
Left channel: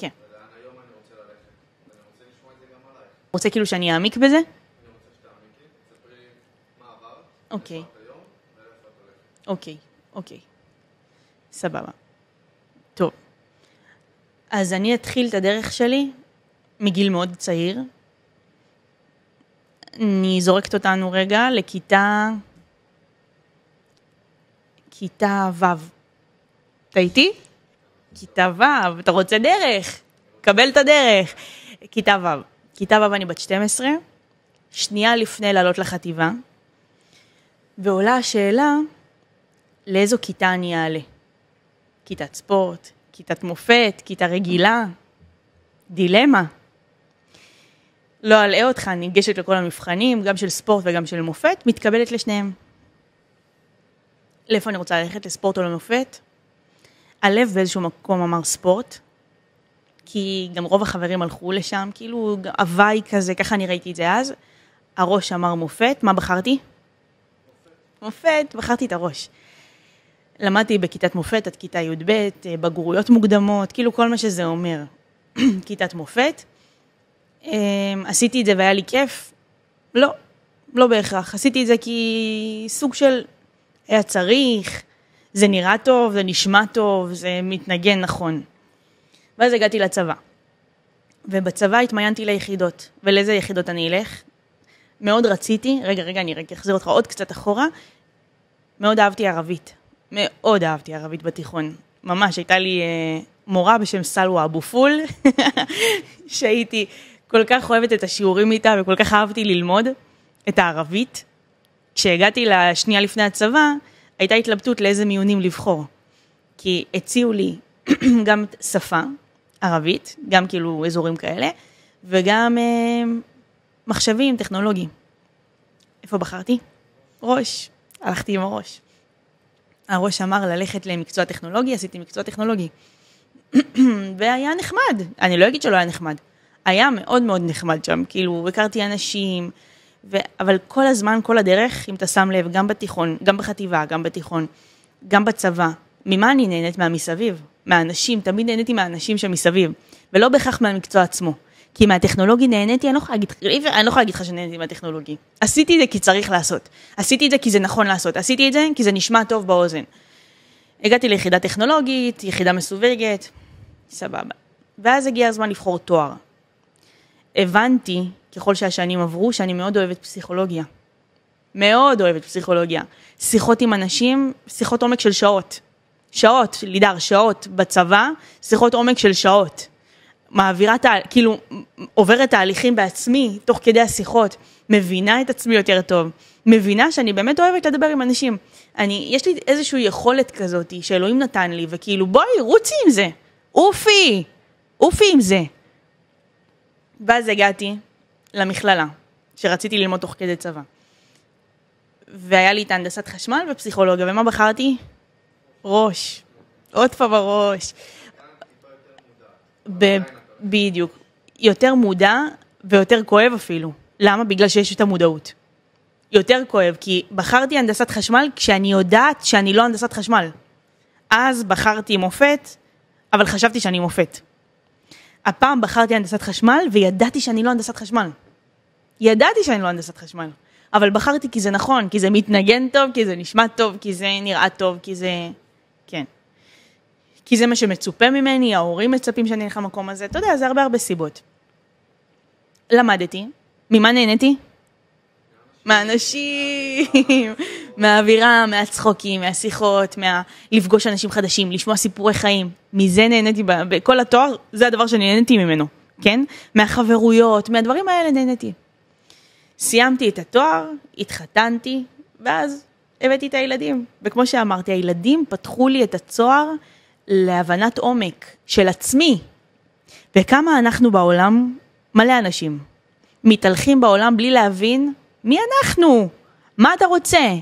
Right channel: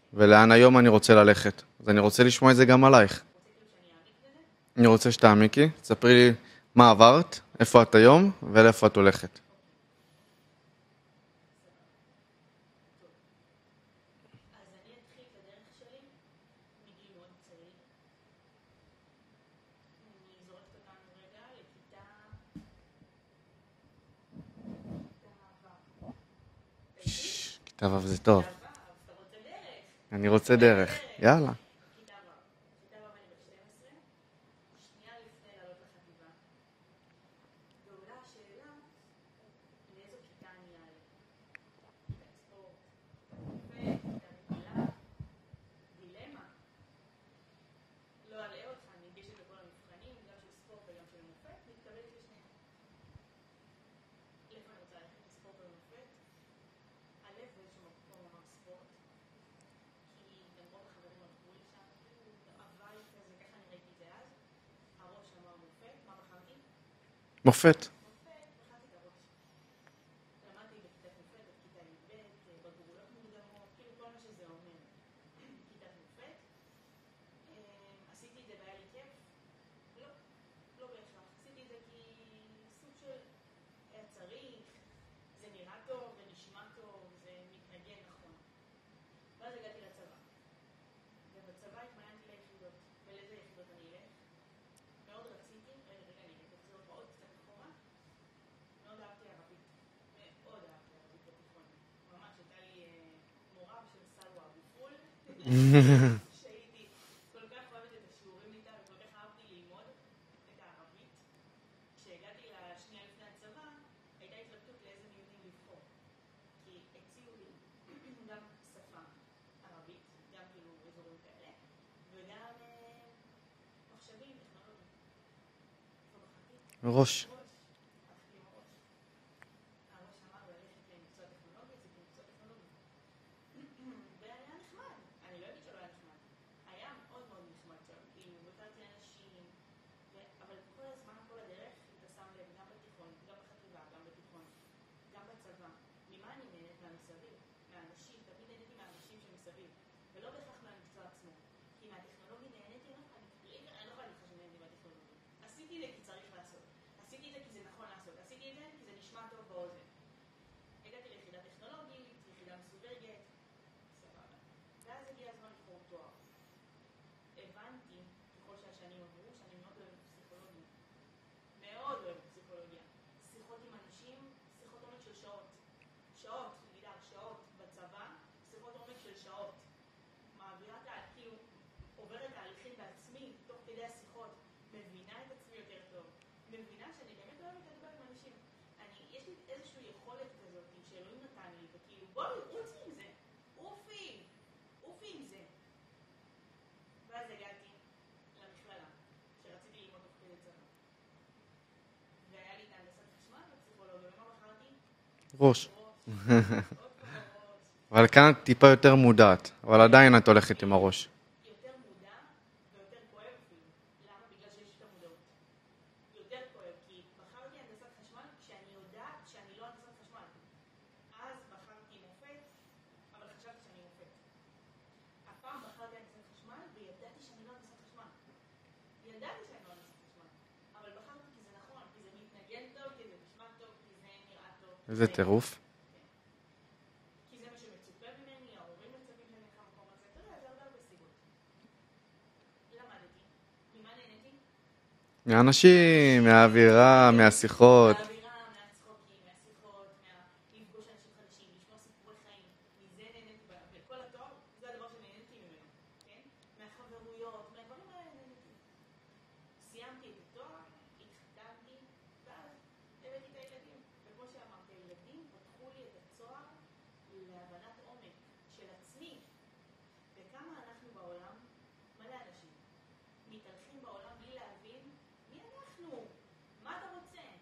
כן. ולאן היום אני רוצה ללכת. אז אני רוצה לשמוע את זה גם עלייך. רוצה כאילו שאני אעמיק בזה? אני רוצה שתעמיקי, תספרי לי מה עברת, איפה את היום, ולאיפה את הולכת. אוקיי. סבבה. טוב. אז אני אתחיל את הדרך שלי מגיל מאוד צעיר. אני זורקת אותנו רגע לכיתה ו'. אתה איתי? כיתה ו' זה טוב. כיתה ו', אתה רוצה דרך? אני רוצה דרך. קבל את הדרך. יאללה. כיתה ו' אני בת 12, שנייה לפני לעלות לחטיבה, ועולה השאלה, לאיזו כיתה אני אעלה? כיתת ספורט, כיתת מופת, כיתה רגילה, דילמה. לא אלאה אותך, אני ניגשת לכל המבחנים, גם של ספורט וגם של מופת, מתקבלת לשניהם. לאיפה אני רוצה ללכת, לספורט או למופת? הלב באיזשהו מקום אמר ספורט, כי גם רוב החברים הלכו לשם, כאילו הוואי כזה, ככה אני ראיתי את זה אז. הראש אמר מופת, מה בחרתי? מופת. מופת, בחרתי את הראש. למדתי בכיתת מופת עד כיתה י"ב, בגרויות מוקדמות, כאילו כל מה שזה אומר. כיתת מופת. עשיתי את זה והיה לי כיף? לא בהכרח. עשיתי את זה כי סוג של היה צריך, זה נראה טוב, זה נשמע טוב, זה מתנגן נכון. ואז הגעתי לצבא. ובצבא התמיינתי ליחידות. ולאיזה יחידות אני אלך? מאוד רציתי, רגע, אני אחזיר אותך עוד קצת אחורה. מאוד אהבתי ערבית. מאוד אהבתי ערבית בתיכון. ממש, הייתה לי מורה בשם סלווה אבו פול, שהייתי כל כך אוהבת את השיעורים איתה, וכל כך אהבתי ללמוד את הערבית. כשהגעתי לשנייה לפני הצבא, הייתה התלבטות לאיזה מיונים לבחור. כי הציעו לי גם שפה ערבית, גם כאילו אזורים כאלה, וגם מחשבים, טכנולוגיים. איפה בחרתי? ראש. ראש. הלכתי עם הראש. הראש אמר ללכת למקצוע טכנולוגי, עשיתי מקצוע טכנולוגי. והיה נחמד. אני לא אגיד שלא היה נחמד. היה מאוד מאוד נחמד שם. כאילו, הכרתי אנשים, אבל כל הזמן, כל הדרך, אם אתה שם לב, גם בתיכון, גם בחטיבה, גם בתיכון, גם בצבא, ממה אני נהנית? מהמסביב, מהאנשים, תמיד נהניתי מהאנשים שמסביב, ולא בהכרח מהמקצוע עצמו. כי מהטכנולוגי נהניתי, אני לא יכולה להגיד לך שנהניתי מהטכנולוגי. עשיתי את זה כי צריך לעשות. עשיתי את זה כי זה נכון לעשות. עשיתי את זה כי זה נשמע טוב באוזן. הגעתי ליחידה טכנולוגית, יחידה מסווגת, סבבה. ואז הגיע הזמן לבחור תואר. הבנתי, ככל שהשנים עברו, שאני מאוד אוהבת פסיכולוגיה. מאוד אוהבת פסיכולוגיה. שיחות עם אנשים, שיחות עומק של שעות. שעות, לידר, שעות בצבא, שיחות עומק של שעות. מעבירה, כאילו, עוברת תהליכים בעצמי, תוך כדי השיחות, מבינה את עצמי יותר טוב, מבינה שאני באמת אוהבת לדבר עם אנשים. יש לי איזושהי יכולת כזאת שאלוהים נתן לי, וכאילו, בואי, רוצי עם זה. אופי עם זה. ואז הגעתי למכללה, שרציתי ללמוד תוך כדי צבא. והיה לי את הנדסת חשמל ופסיכולוגיה, ומה בחרתי? ראש. עוד פעם בראש. אבל כאן טיפה יותר מודעת, אבל עדיין את הולכת עם הראש. יותר מודע ויותר כואב אפילו. למה? בגלל שיש את המודעות. יותר כואב, כי בחרתי הנדסת חשמל כשאני יודעת שאני לא הנדסת חשמל. אז בחרתי מופת, אבל חשבתי שאני מופת. הפעם בחרתי הנדסת חשמל וידעתי שאני לא הנדסת חשמל. ידעתי שאני לא הנדסת חשמל. אבל בחרתי כי זה נכון, כי זה מתנגן טוב, כי זה נשמע טוב, כי זה נראה טוב, כי זה... זה טירוף. כן. כי זה מה שמצופה ממני, ההורים מצפים שאני אלך למקום הזה. אתה יודע, זה הרבה סיבות. למדתי. ממה נהניתי? מהאנשים, מהאווירה, מהשיחות. מהאווירה, מהצחוקים, מהשיחות, לפגוש אנשים חדשים, לשמוע סיפורי חיים. מזה נהניתי, בכל התואר, זה הדבר שנהניתי ממנו, כן? מהחברויות, מהדברים האלה נהניתי. סיימתי את התואר, התחתנתי, ואז הבאתי את הילדים. וכמו שאמרתי, הילדים פתחו לי את הצוהר להבנת עומק של עצמי. וכמה אנחנו בעולם, מלא אנשים, מתהלכים בעולם בלי להבין מי אנחנו? מה אתה רוצה?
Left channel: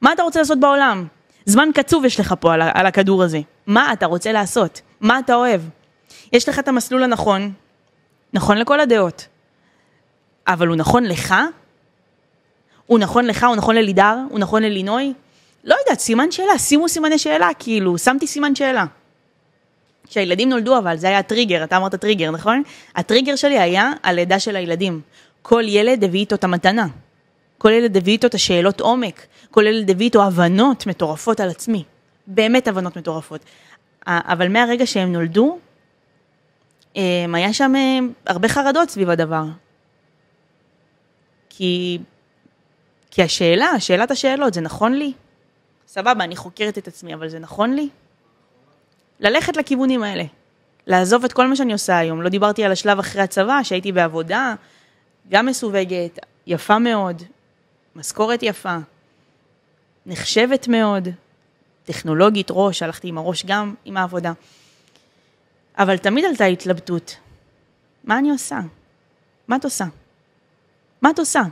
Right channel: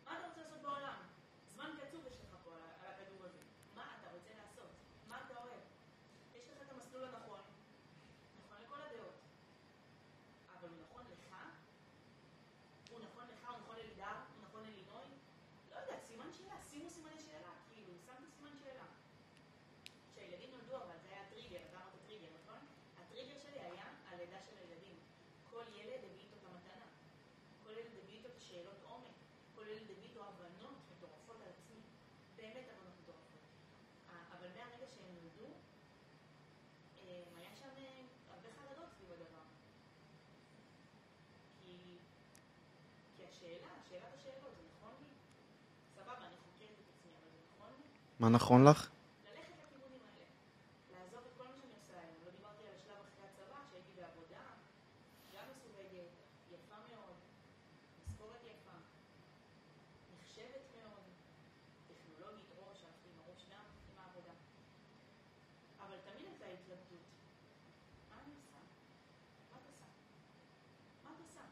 מה אתה רוצה לעשות בעולם? זמן קצוב יש לך פה על הכדור הזה. מה אתה רוצה לעשות? מה אתה אוהב? יש לך את המסלול הנכון, נכון לכל הדעות. אבל הוא נכון לך? הוא נכון לך? הוא נכון ללידר? הוא נכון ללינוי? לא יודעת, סימן שאלה, שימו סימני שאלה, כאילו, שמתי סימן שאלה. כשהילדים נולדו, אבל זה היה הטריגר, אתה אמרת טריגר, נכון? הטריגר שלי היה הלידה של הילדים. כל ילד הביא איתו את המתנה. כל ילד הביא איתו את השאלות עומק. כל ילד הביא איתו הבנות מטורפות על עצמי. באמת הבנות מטורפות. אבל מהרגע שהם נולדו, היה שם הרבה חרדות סביב הדבר. כי שאלת השאלות, זה נכון לי? סבבה, אני חוקרת את עצמי, אבל זה נכון לי? מה נכון לך? ללכת לכיוונים האלה. לעזוב את כל מה שאני עושה היום. לא דיברתי על השלב אחרי הצבא, שהייתי בעבודה, גם מסווגת, יפה מאוד, משכורת יפה, נחשבת מאוד, טכנולוגית ראש, הלכתי עם הראש גם עם העבודה. אבל תמיד עלתה התלבטות. מה אני עושה? מה את עושה? מה את עושה?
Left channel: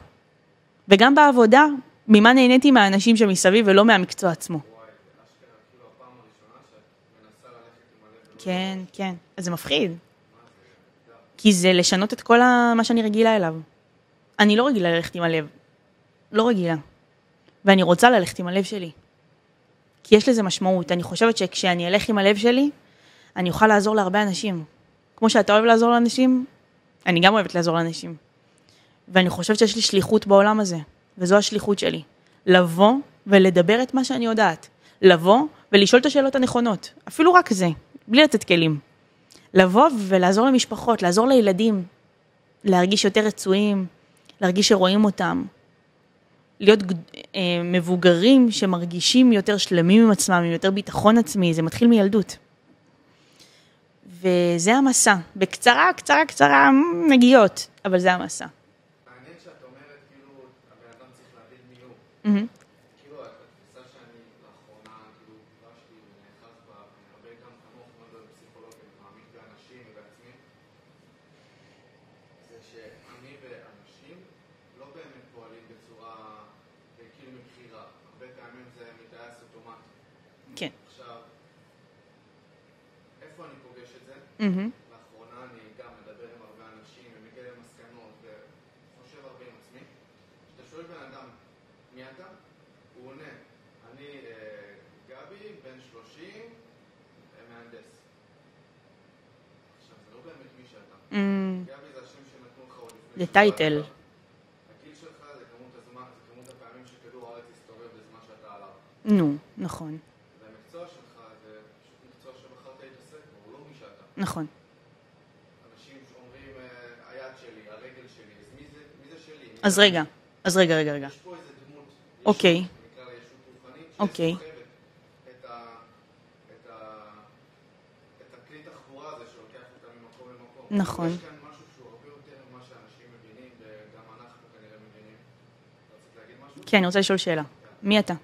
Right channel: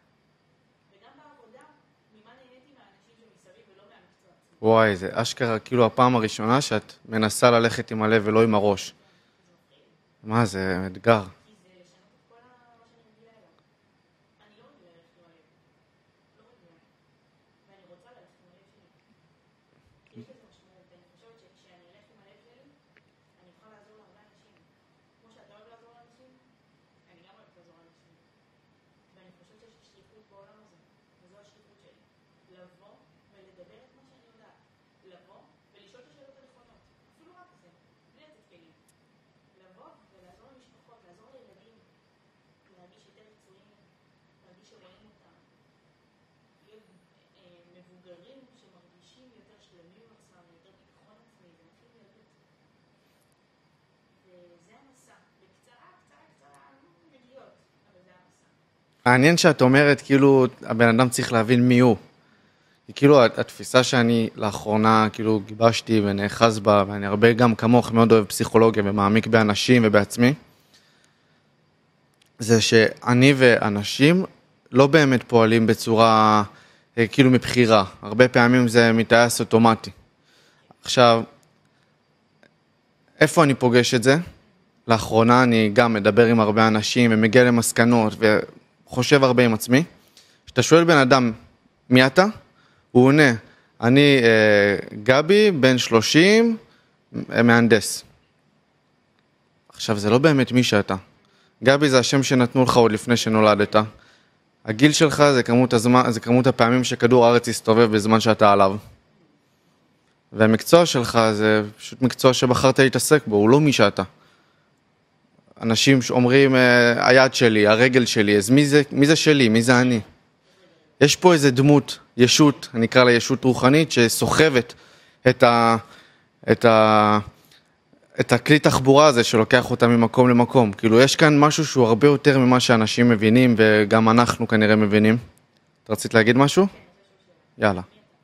וגם בעבודה, ממה נהניתי מהאנשים שמסביב ולא מהמקצוע עצמו. וואי, זה אשכרה כאילו הפעם הראשונה שאת מנסה ללכת עם הלב ולא עם הראש. כן, אז זה מפחיד. מה, זה אתגר. כי זה לשנות את כל מה שאני רגילה אליו. אני לא רגילה ללכת עם הלב. לא רגילה. ואני רוצה ללכת עם הלב שלי. כי יש לזה משמעות. אני חושבת שכשאני אלך עם הלב שלי, אני אוכל לעזור להרבה אנשים. כמו שאתה אוהב לעזור לאנשים, אני גם אוהבת לעזור לאנשים. ואני חושבת שיש לי שליחות בעולם הזה. וזו השליחות שלי. לבוא ולדבר את מה שאני יודעת. לבוא ולשאול את השאלות הנכונות. אפילו רק זה, בלי לתת כלים. לבוא ולעזור למשפחות, לעזור לילדים, להרגיש יותר רצויים, להרגיש שרואים אותם. מבוגרים שמרגישים יותר שלמים עם עצמם, עם יותר ביטחון עצמי, זה מתחיל מילדות. וזה המסע. בקצרה, קצרה, נגיעות, אבל זה המסע. מעניין שאת אומרת, כאילו, הבן אדם צריך להבין מי הוא. כאילו, התפיסה שאני לאחרונה, כאילו, גיבשתי ונאחז בה, ואני הרבה גם כמוך מאוד אוהב פסיכולוגיה ומעמיק באנשים ובעצמי, זה שאני ואנשים לא באמת פועלים בצורה, כאילו, מבחירה. הרבה פעמים זה מתאס אוטומטי. כן. עכשיו, איפה אני פוגש את זה? לאחרונה אני גם מדבר עם הרבה אנשים ומגיע למסקנות וחושב הרבה עם עצמי. כשאתה שואל בן אדם, מי אתה? הוא עונה, אני גבי, בן 30, מהנדס. עכשיו, זה לא באמת מי שאתה. גבי זה השם שנתנו לך עוד לפני שנולדת. הגיל שלך זה כמות הפעמים שכדור הארץ יסתובב בזמן שאתה עליו. נו, נכון. והמקצוע שלך זה פשוט מקצוע שבחרת להתעסק בו, הוא לא מי שאתה. נכון. אנשים שאומרים, היד שלי, הרגל שלי, אז מי זה שלי, מי זה אני? אז רגע. יש פה איזה דמות, ישות, אני אקרא לה ישות רוחנית, שסוחבת את הכלי תחבורה הזה שלוקח אותה ממקום למקום. נכון. כאילו, יש כאן משהו שהוא הרבה יותר ממה שאנשים מבינים, וגם אנחנו כנראה מבינים. את רצית להגיד משהו? כן, אני רוצה לשאול שאלה. יאללה. מי אתה?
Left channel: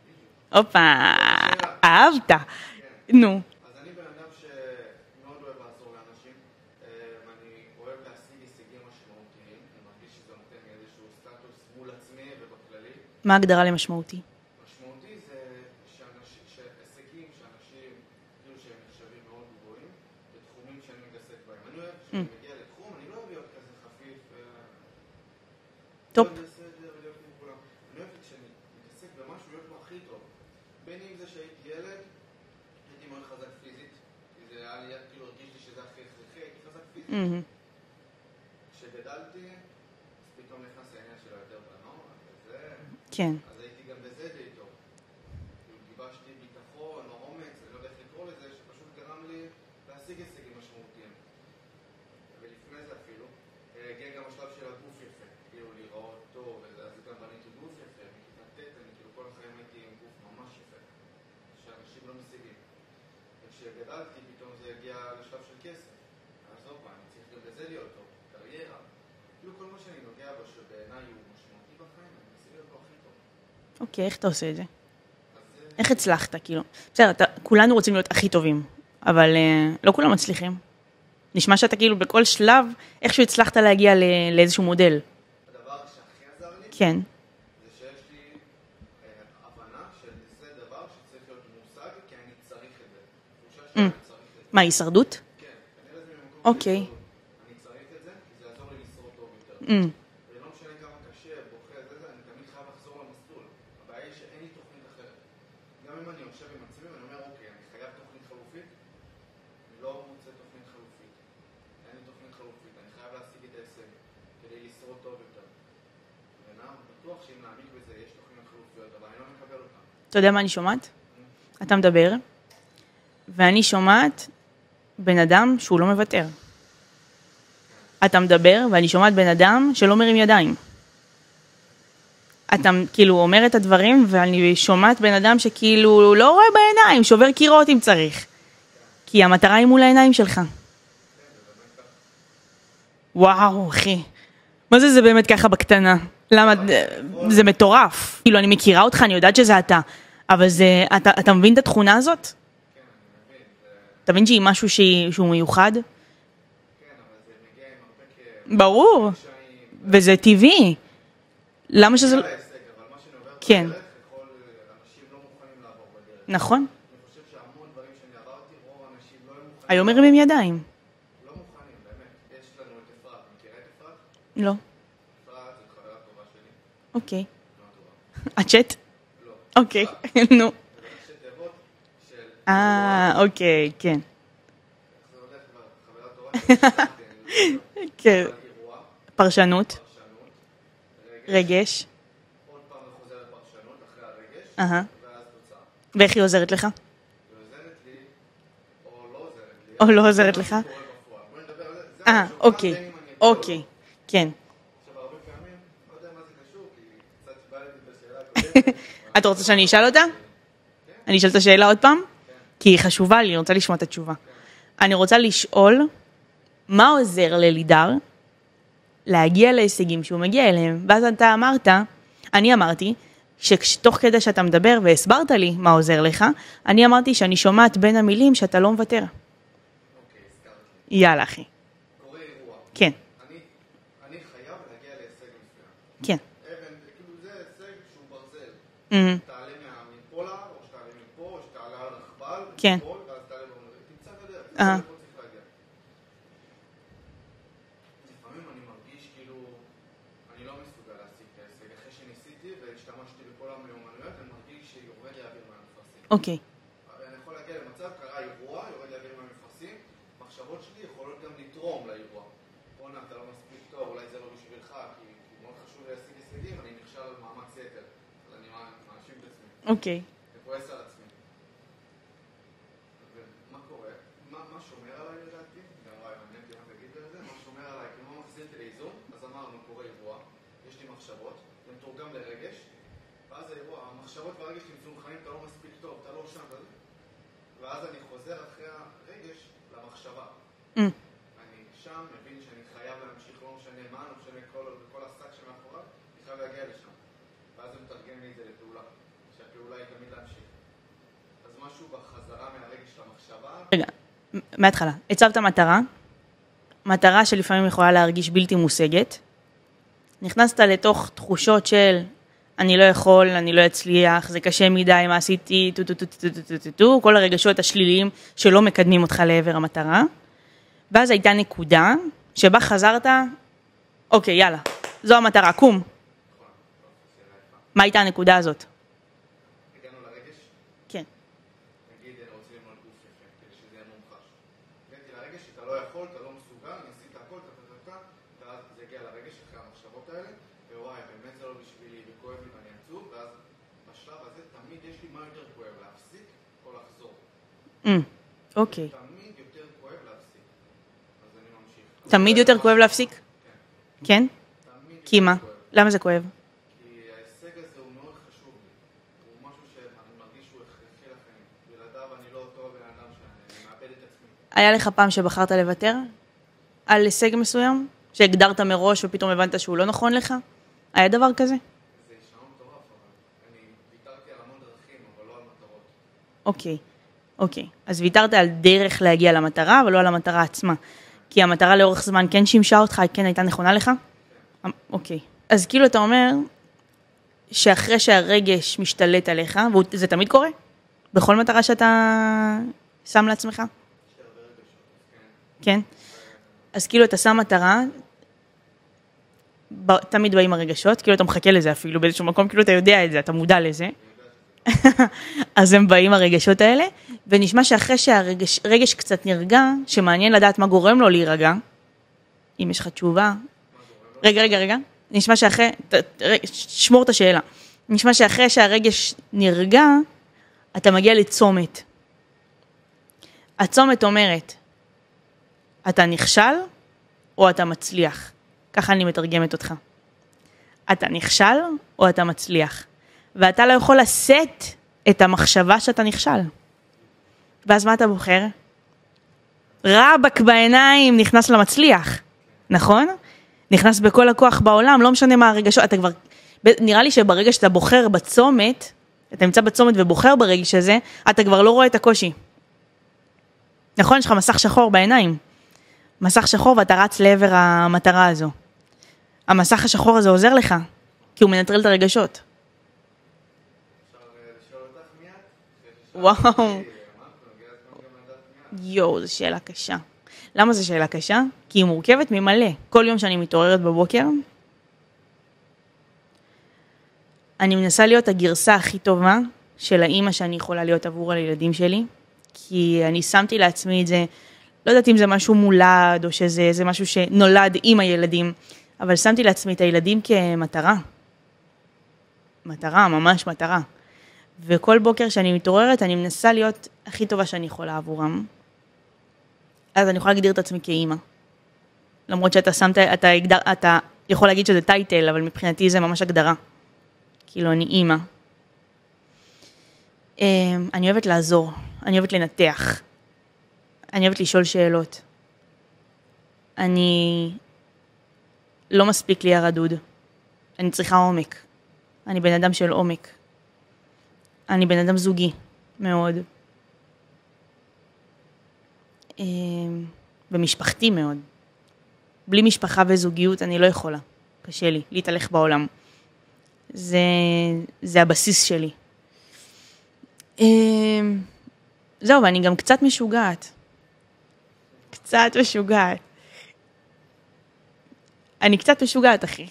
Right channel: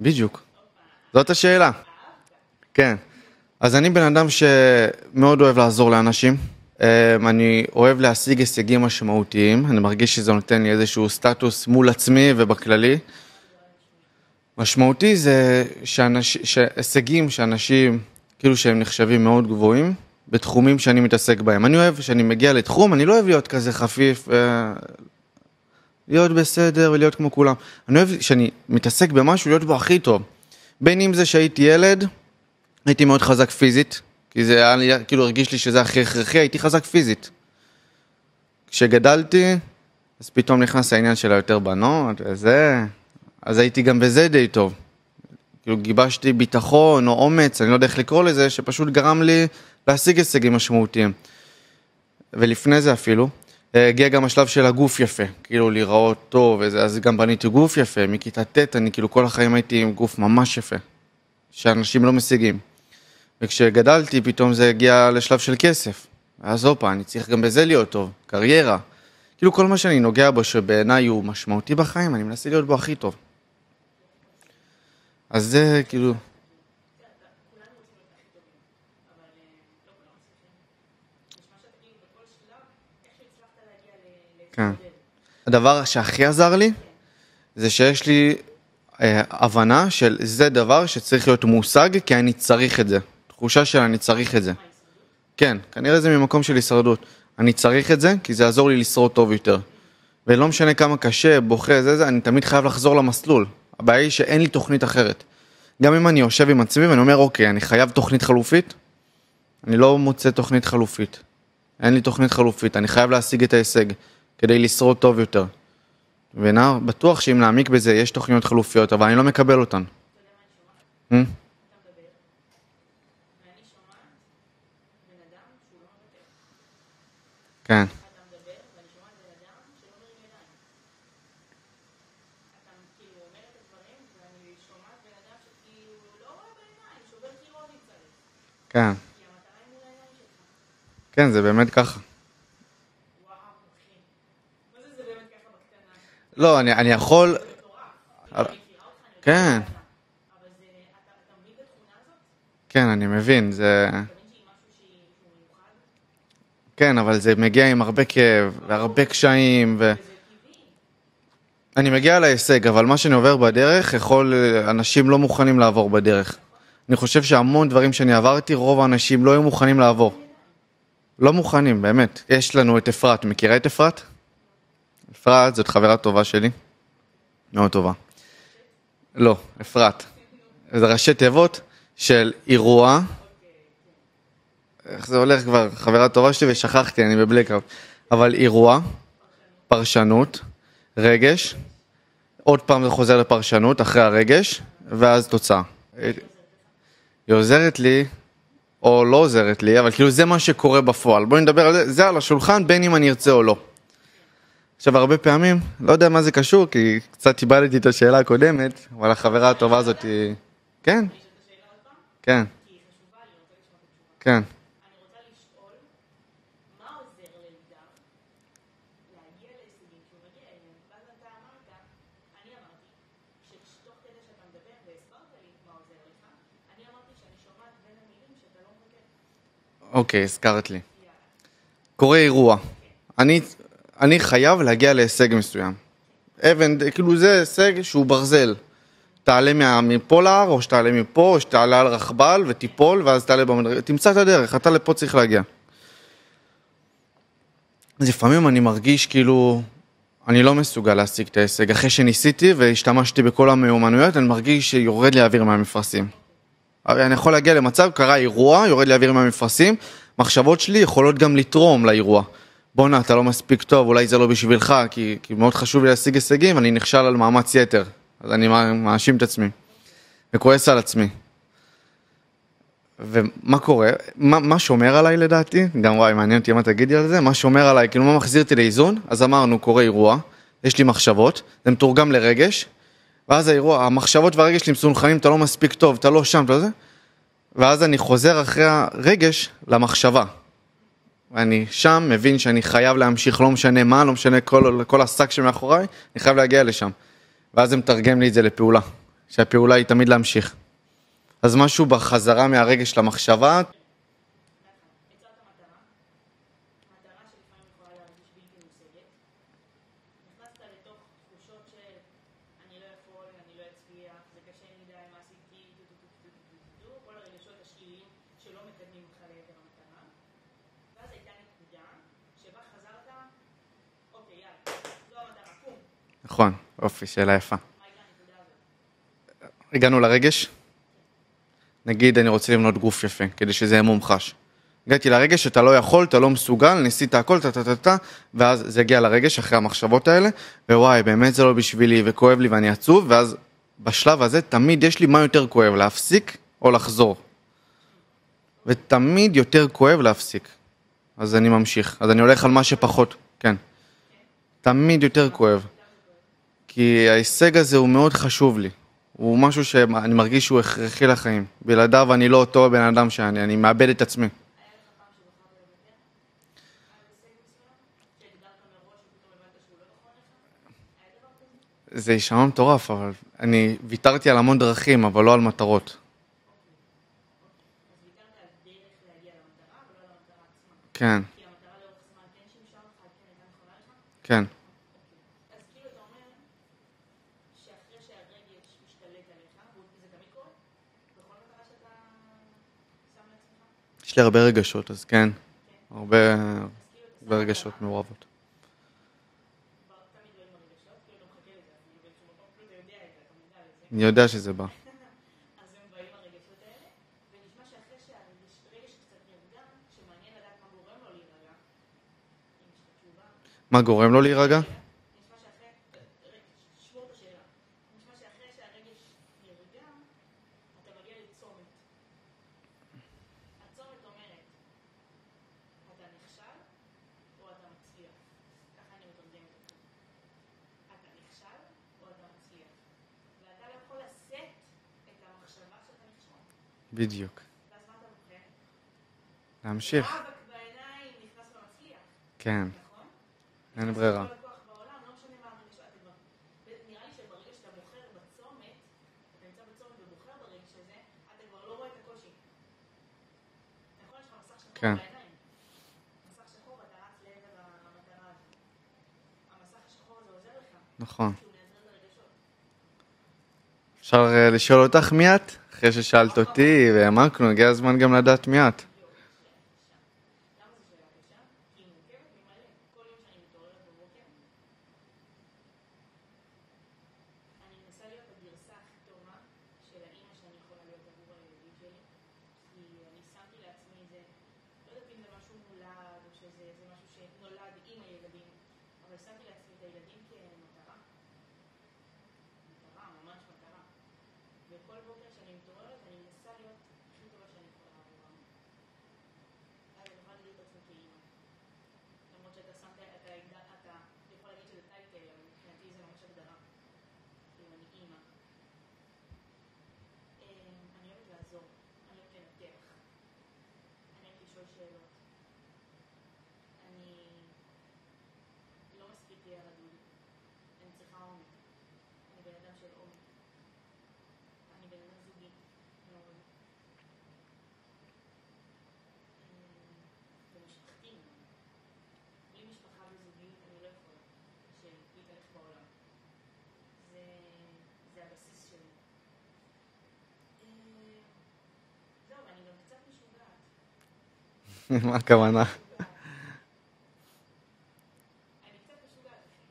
בדיוק. הופה. זאת השאלה. אהבת. כן. נו. אז אני בן אדם שמאוד אוהב לעזור לאנשים. אני אוהב להשיג הישגים משמעותיים. אני מרגיש שזה נותן לי איזשהו סטטוס מול עצמי ובכללי. מה ההגדרה למשמעותי? משמעותי זה הישגים שאנשים, כאילו שהם נחשבים מאוד גבוהים, בתחומים שאני מתעסק בהם. אני אוהב שאני מגיע לתחום, אני לא אוהב להיות כזה חפיף, להיות בסדר ולהיות כמו כולם. אני אוהב שאני מתעסק במשהו, להיות בו הכי טוב. בין אם זה שהייתי ילד, הייתי מאוד חזק פיזית, כי זה היה, כאילו הרגיש לי שזה הכי הכרחי, הייתי חזק פיזית. כשגדלתי, אז פתאום נכנס העניין של היותר בנות, וזה... כן. אז הייתי גם בזה די טוב. כאילו גיבשתי ביטחון או אומץ, אני לא יודע איך לקרוא לזה, שפשוט גרם לי להשיג הישגים משמעותיים. ולפני זה אפילו, הגיע גם השלב של הגוף יפה, כאילו להיראות טוב, אז גם בניתי גוף יפה, מכיתה ט' אני כאילו כל החיים הייתי עם גוף ממש יפה, שאנשים לא משיגים. וכשגדלתי פתאום זה הגיע לשלב של כסף. אז הופה, אני צריך גם בזה להיות טוב, קריירה. כאילו כל מה שאני נוגע בו שבעיניי הוא משמעותי בחיים, אני מנסה להיות בו הכי טוב. אוקיי, איך אתה עושה את זה? אז זה איך כאילו... הצלחת, כאילו? בסדר, כולנו רוצים להיות הכי טובים, אבל לא כולם מצליחים. נשמע שאתה כאילו בכל שלב, איכשהו הצלחת להגיע לאיזשהו מודל. הדבר שהכי עזר לי, כן. זה שיש לי הבנה של זה דבר שצריך להיות מושג, כי אני צריך את זה. תחושה שאני צריך את זה. מה, הישרדות? כן, כנראה זה ממקום של הישרדות. אני צריך את זה, כי זה יעזור לי לשרוד טוב יותר. ולא משנה כמה קשה, בוכה, זה, אני תמיד חייב לחזור למסלול. הבעיה היא שאין לי תוכנית אחרת. גם אם אני יושב עם עצמי ואני אומר, אוקיי, אני חייב תוכנית חלופית, אני לא מוצא תוכנית חלופית. אין לי תוכנית חלופית, אני חייב להשיג את ההישג, כדי לשרוד טוב יותר. בטוח שאם נעמיק בזה, יש תוכניות חלופיות, אבל אני לא מקבל אותן. אתה יודע מה אני שומעת? אתה מדבר, ואני שומעת בן אדם שהוא לא מוותר. כן. אתה מדבר, ואני שומעת בן אדם שלא מרים ידיים. אתה כאילו אומר את הדברים, ואני שומעת בן אדם שכאילו לא רואה בעיניים, שובר קירות אם צריך. כן. כי המטרה היא מול העיניים שלך. כן, זה באמת ככה. וואו, אחי. מה זה באמת ככה בקטנה? לא, אני יכול... זה מטורף. כאילו, אני מכירה אותך, אני יודעת שזה אתה. אבל זה... אתה מבין את התכונה הזאת? כן, אני מבין, זה... אתה מבין שהיא משהו שהוא מיוחד? כן, אבל זה מגיע עם הרבה כאב. ברור. הרבה קשיים. וזה טבעי. אני מגיע להישג, אבל מה שאני עובר בדרך, אנשים לא מוכנים לעבור בדרך. נכון. אני חושב שהמון דברים שאני עברתי, רוב האנשים לא היו מוכנים לעבור. היו מרימים ידיים. לא מוכנים, באמת. יש לנו את אפרת, מכירה את אפרת? לא. אפרת, זאת חברה טובה שלי. אוקיי. מאוד טובה. הצ'אט? לא, אפרת. נו. זה ראשי תיבות של אירוע. אוקיי, כן. איך זה הולך כבר? חברה טובה שלי ושכחתי, אני בבלקאוט. כן. אבל אירוע. פרשנות. רגש. עוד פעם זה חוזר לפרשנות, אחרי הרגש, ואז תוצאה. ואיך היא עוזרת לך? היא עוזרת לי, או לא עוזרת לי, אבל כאילו זה מה שקורה בפועל. בואי נדבר על זה, זה על השולחן, בין אם אני ארצה או לא. כן. עכשיו, הרבה פעמים, לא יודע מה זה קשור, כי קצת איבדתי את השאלה הקודמת, אבל אתה רוצה שאני אשאל אותה? כן, אני אשאל את השאלה עוד פעם? כן, כי היא חשובה לי, אני רוצה לשמוע את התשובה. כן. אני רוצה לשאול, מה עוזר ללידר להגיע להישגים שהוא מגיע אליהם? ואז אתה אמרת, אני אמרתי, שתוך כדי שאתה מדבר והסברת לי מה עוזר לך, אני אמרתי שאני שומעת בין המילים שאתה לא מוותר. אוקיי, הזכרת לי. יאללה, אחי. קורה אירוע. כן, אני חייב להגיע להישג מסוים. כן. כאילו זה הישג שהוא ברזל. תעלה מפה להר, או שתעלה מפה, או שתעלה על רכבל ותיפול, ואז תעלה במדרגה. תמצא את הדרך, אתה לפה צריך להגיע. אז לפעמים אני מרגיש כאילו, אני לא מסוגל להשיג את ההישג. אחרי שניסיתי והשתמשתי בכל המיומנויות, אני מרגיש שיורד לי אוויר מהמפרשים. אוקיי. אני יכול להגיע למצב, קרה אירוע, יורד לי אוויר מהמפרשים, מחשבות שלי יכולות גם לתרום לאירוע. בונה, אתה לא מספיק טוב, אולי זה לא בשבילך, כי מאוד חשוב לי להשיג הישגים, אני נכשל על מאמץ יתר. אז אני מאשים את עצמי. אוקיי. וכועס על עצמי. ומה קורה? מה שומר עליי לדעתי? גם וואי, מעניין אותי מה תגידי על זה. מה שומר עליי, כאילו מה מחזיר אותי לאיזון? אז אמרנו, קורה אירוע, יש לי מחשבות, זה מתורגם לרגש, ואז האירוע, המחשבות והרגש שלי מסונכנים, אתה לא מספיק טוב, אתה לא שם, אתה לא זה. ואז אני חוזר אחרי הרגש למחשבה. ואני שם מבין שאני חייב להמשיך, לא משנה מה, לא משנה כל השק שמאחוריי, אני חייב להגיע לשם. ואז זה מתרגם לי את זה לפעולה, שהפעולה היא תמיד להמשיך. אז משהו בחזרה מהרגש למחשבה. רגע, מההתחלה. הצבת מטרה שלפעמים יכולה להרגיש בלתי מושגת. נכנסת לתוך תחושות של אני לא יכול, אני לא אצליח, זה קשה מדי, מה עשיתי, כל הרגשות השליליים שלא מקדמים אותך לעבר המטרה. ואז הייתה נקודה שבה חזרת, אוקיי, יאללה, זו המטרה, קום. נכון, אופי, שאלה יפה. מה הייתה הנקודה הזאת? הגענו לרגש? כן. נגיד, אני רוצה לבנות גוף יפה, כדי שזה יהיה מומחש. הגעתי לרגש שאתה לא יכול, אתה לא מסוגל, ניסית הכל, ואז זה הגיע לרגש אחרי המחשבות האלה, ווואי, באמת זה לא בשבילי, וכואב לי ואני עצוב, ואז בשלב הזה תמיד יש לי מה יותר כואב, להפסיק או לחזור. אוקיי. ותמיד יותר כואב להפסיק. אז אני ממשיך. אז אני תמיד הולך על מה יותר כואב שפחות. להפסיק? כן. כן? תמיד כי יותר מה? כואב. למה זה כואב? כי ההישג הזה הוא מאוד חשוב לי. הוא משהו שאני מרגיש שהוא הכרחי לחיים. בלעדיו אני לא אותו בן אדם אני מאבד את עצמי. היה לך פעם שבחרת לוותר על הישג מסוים? שהגדרת מראש ופתאום הבנת שהוא לא נכון לך? היה דבר כזה? זה יישמע מטורף, אבל אני ויתרתי על המון דרכים, אבל לא על מטרות. אוקיי. אז ויתרת על דרך להגיע למטרה, אבל לא על המטרה עצמה. כן. כי המטרה לאורך זמן כן שימשה אותך, כן הייתה נכונה לך? כן. אוקיי. אז כאילו אתה אומר שאחרי שהרגש משתלט עליך, וזה תמיד קורה? בכל מטרה שאתה שם לעצמך? יש לי הרבה רגשות, אז כן. כן? הרבה... אז כאילו אתה שם מטרה, תמיד באים הרגשות, כאילו אתה מחכה לזה אפילו באיזשהו מקום, כאילו אתה יודע את זה, אתה מודע לזה. אני יודע שזה בא. אז הם באים הרגשות האלה, ונשמע שאחרי שהרגש קצת נרגע, שמעניין לדעת מה גורם לו להירגע, אם יש לך תשובה. מה גורם לו להירגע? רגע. נשמע שאחרי, שמור את השאלה. נשמע שאחרי שהרגש נרגע, אתה מגיע לצומת. הצומת אומרת, אתה נכשל או אתה מצליח? ככה אני מתרגמת אותך. אתה נכשל או אתה מצליח? ואתה לא יכול לשאת את המחשבה שאתה נכשל. בדיוק. ואז מה אתה בוחר? להמשיך. רבק בעיניים נכנס למצליח. כן. נכון? נכנס בכל הכוח בעולם, לא משנה מה הרגשות, אתה כבר, נראה לי שברגע שאתה בוחר בצומת, אתה נמצא בצומת ובוחר ברגש הזה, אתה כבר לא רואה את הקושי. נכון? יש לך מסך שחור בעיניים. מסך שחור ואתה רץ לעבר המטרה הזו. המסך השחור הזה עוזר לך. נכון. כי הוא מנטרל את הרגשות. אפשר לשאול אותך מי את? אחרי ששאלת אותי, והעמקנו, הגיע הזמן גם לדעת מי את. יואו, זו שאלה קשה. למה זו שאלה קשה? כי היא מורכבת ממלא. כל יום שאני מתעוררת בבוקר, אני מנסה להיות הגרסה הכי טובה של האמא שאני יכולה להיות עבור הילדים שלי, כי אני שמתי לעצמי את זה, לא יודעת אם זה משהו מולד, או שזה משהו שנולד עם הילדים, אבל שמתי לעצמי את הילדים כמטרה. מטרה, ממש מטרה. וכל בוקר שאני מתעוררת, אני מנסה להיות הכי טובה שאני יכולה עבורם. אז אני יכולה להגדיר את עצמי כאמא. למרות שאתה יכול להגיד שזה טייטל, אבל מבחינתי זה ממש הגדרה. כאילו, אני אימא. אני אוהבת לעזור, אני אוהבת לנתח, אני אוהבת לשאול שאלות. אני לא מספיק לי הרדוד. אני צריכה עומק. אני בן אדם של עומק. אני בן אדם זוגי, מאוד. ומשפחתי מאוד. בלי משפחה וזוגיות אני לא יכולה. קשה לי להתהלך בעולם. זה הבסיס שלי. זהו, ואני גם קצת משוגעת. מה קצת הכוונה? משוגעת. אני קצת משוגעת, אחי.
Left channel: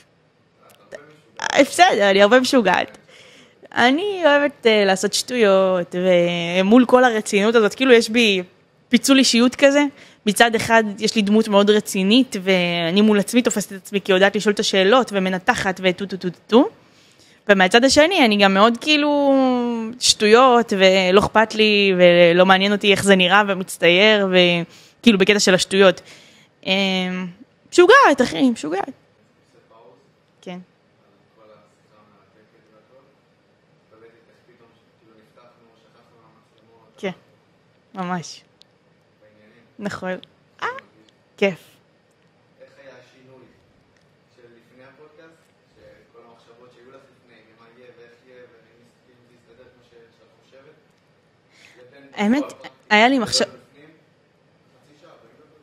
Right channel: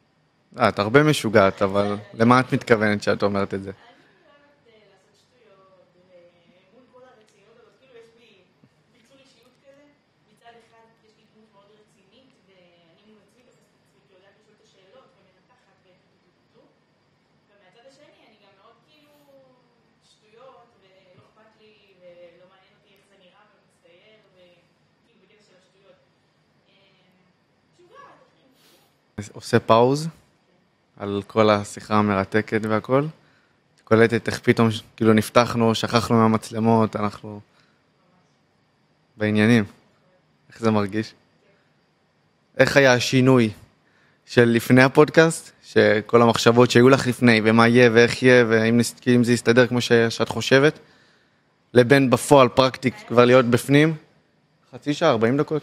את הרבה משוגעת, אבל... בסדר, אני הרבה משוגעת. למה את מתכוונת שאת אומרת את זה? אני אוהבת לעשות שטויות, ומול כל הרצינות הזאת, כאילו יש בי פיצול אישיות כזה. מצד אחד יש לי דמות מאוד רצינית, ואני מול עצמי תופסת את עצמי, כי יודעת לשאול את השאלות, ומנתחת, וטו. ומהצד השני, אני גם מאוד כאילו שטויות, ולא אכפת לי, ולא מעניין אותי איך זה נראה, ומצטייר, וכאילו בקטע של השטויות. משוגעת, אחי, משוגעת. עושה פאוז כן. על כל השיחה המרתקת והכל. קולטת איך פתאום כאילו נפתחנו, שכחנו מהמצלמות, אנחנו ממש. בעניינים. נכון. איך זה מרגיש? כיף. איך היה השינוי של לפני הפודקאסט, שכל המחשבות שהיו לך לפני, ומה יהיה ואיך יהיה, ואם זה יסתדר כמו שאת חושבת, לבין בפועל פרקטיק כבר להיות בפנים? חצי שעה, 40 דקות?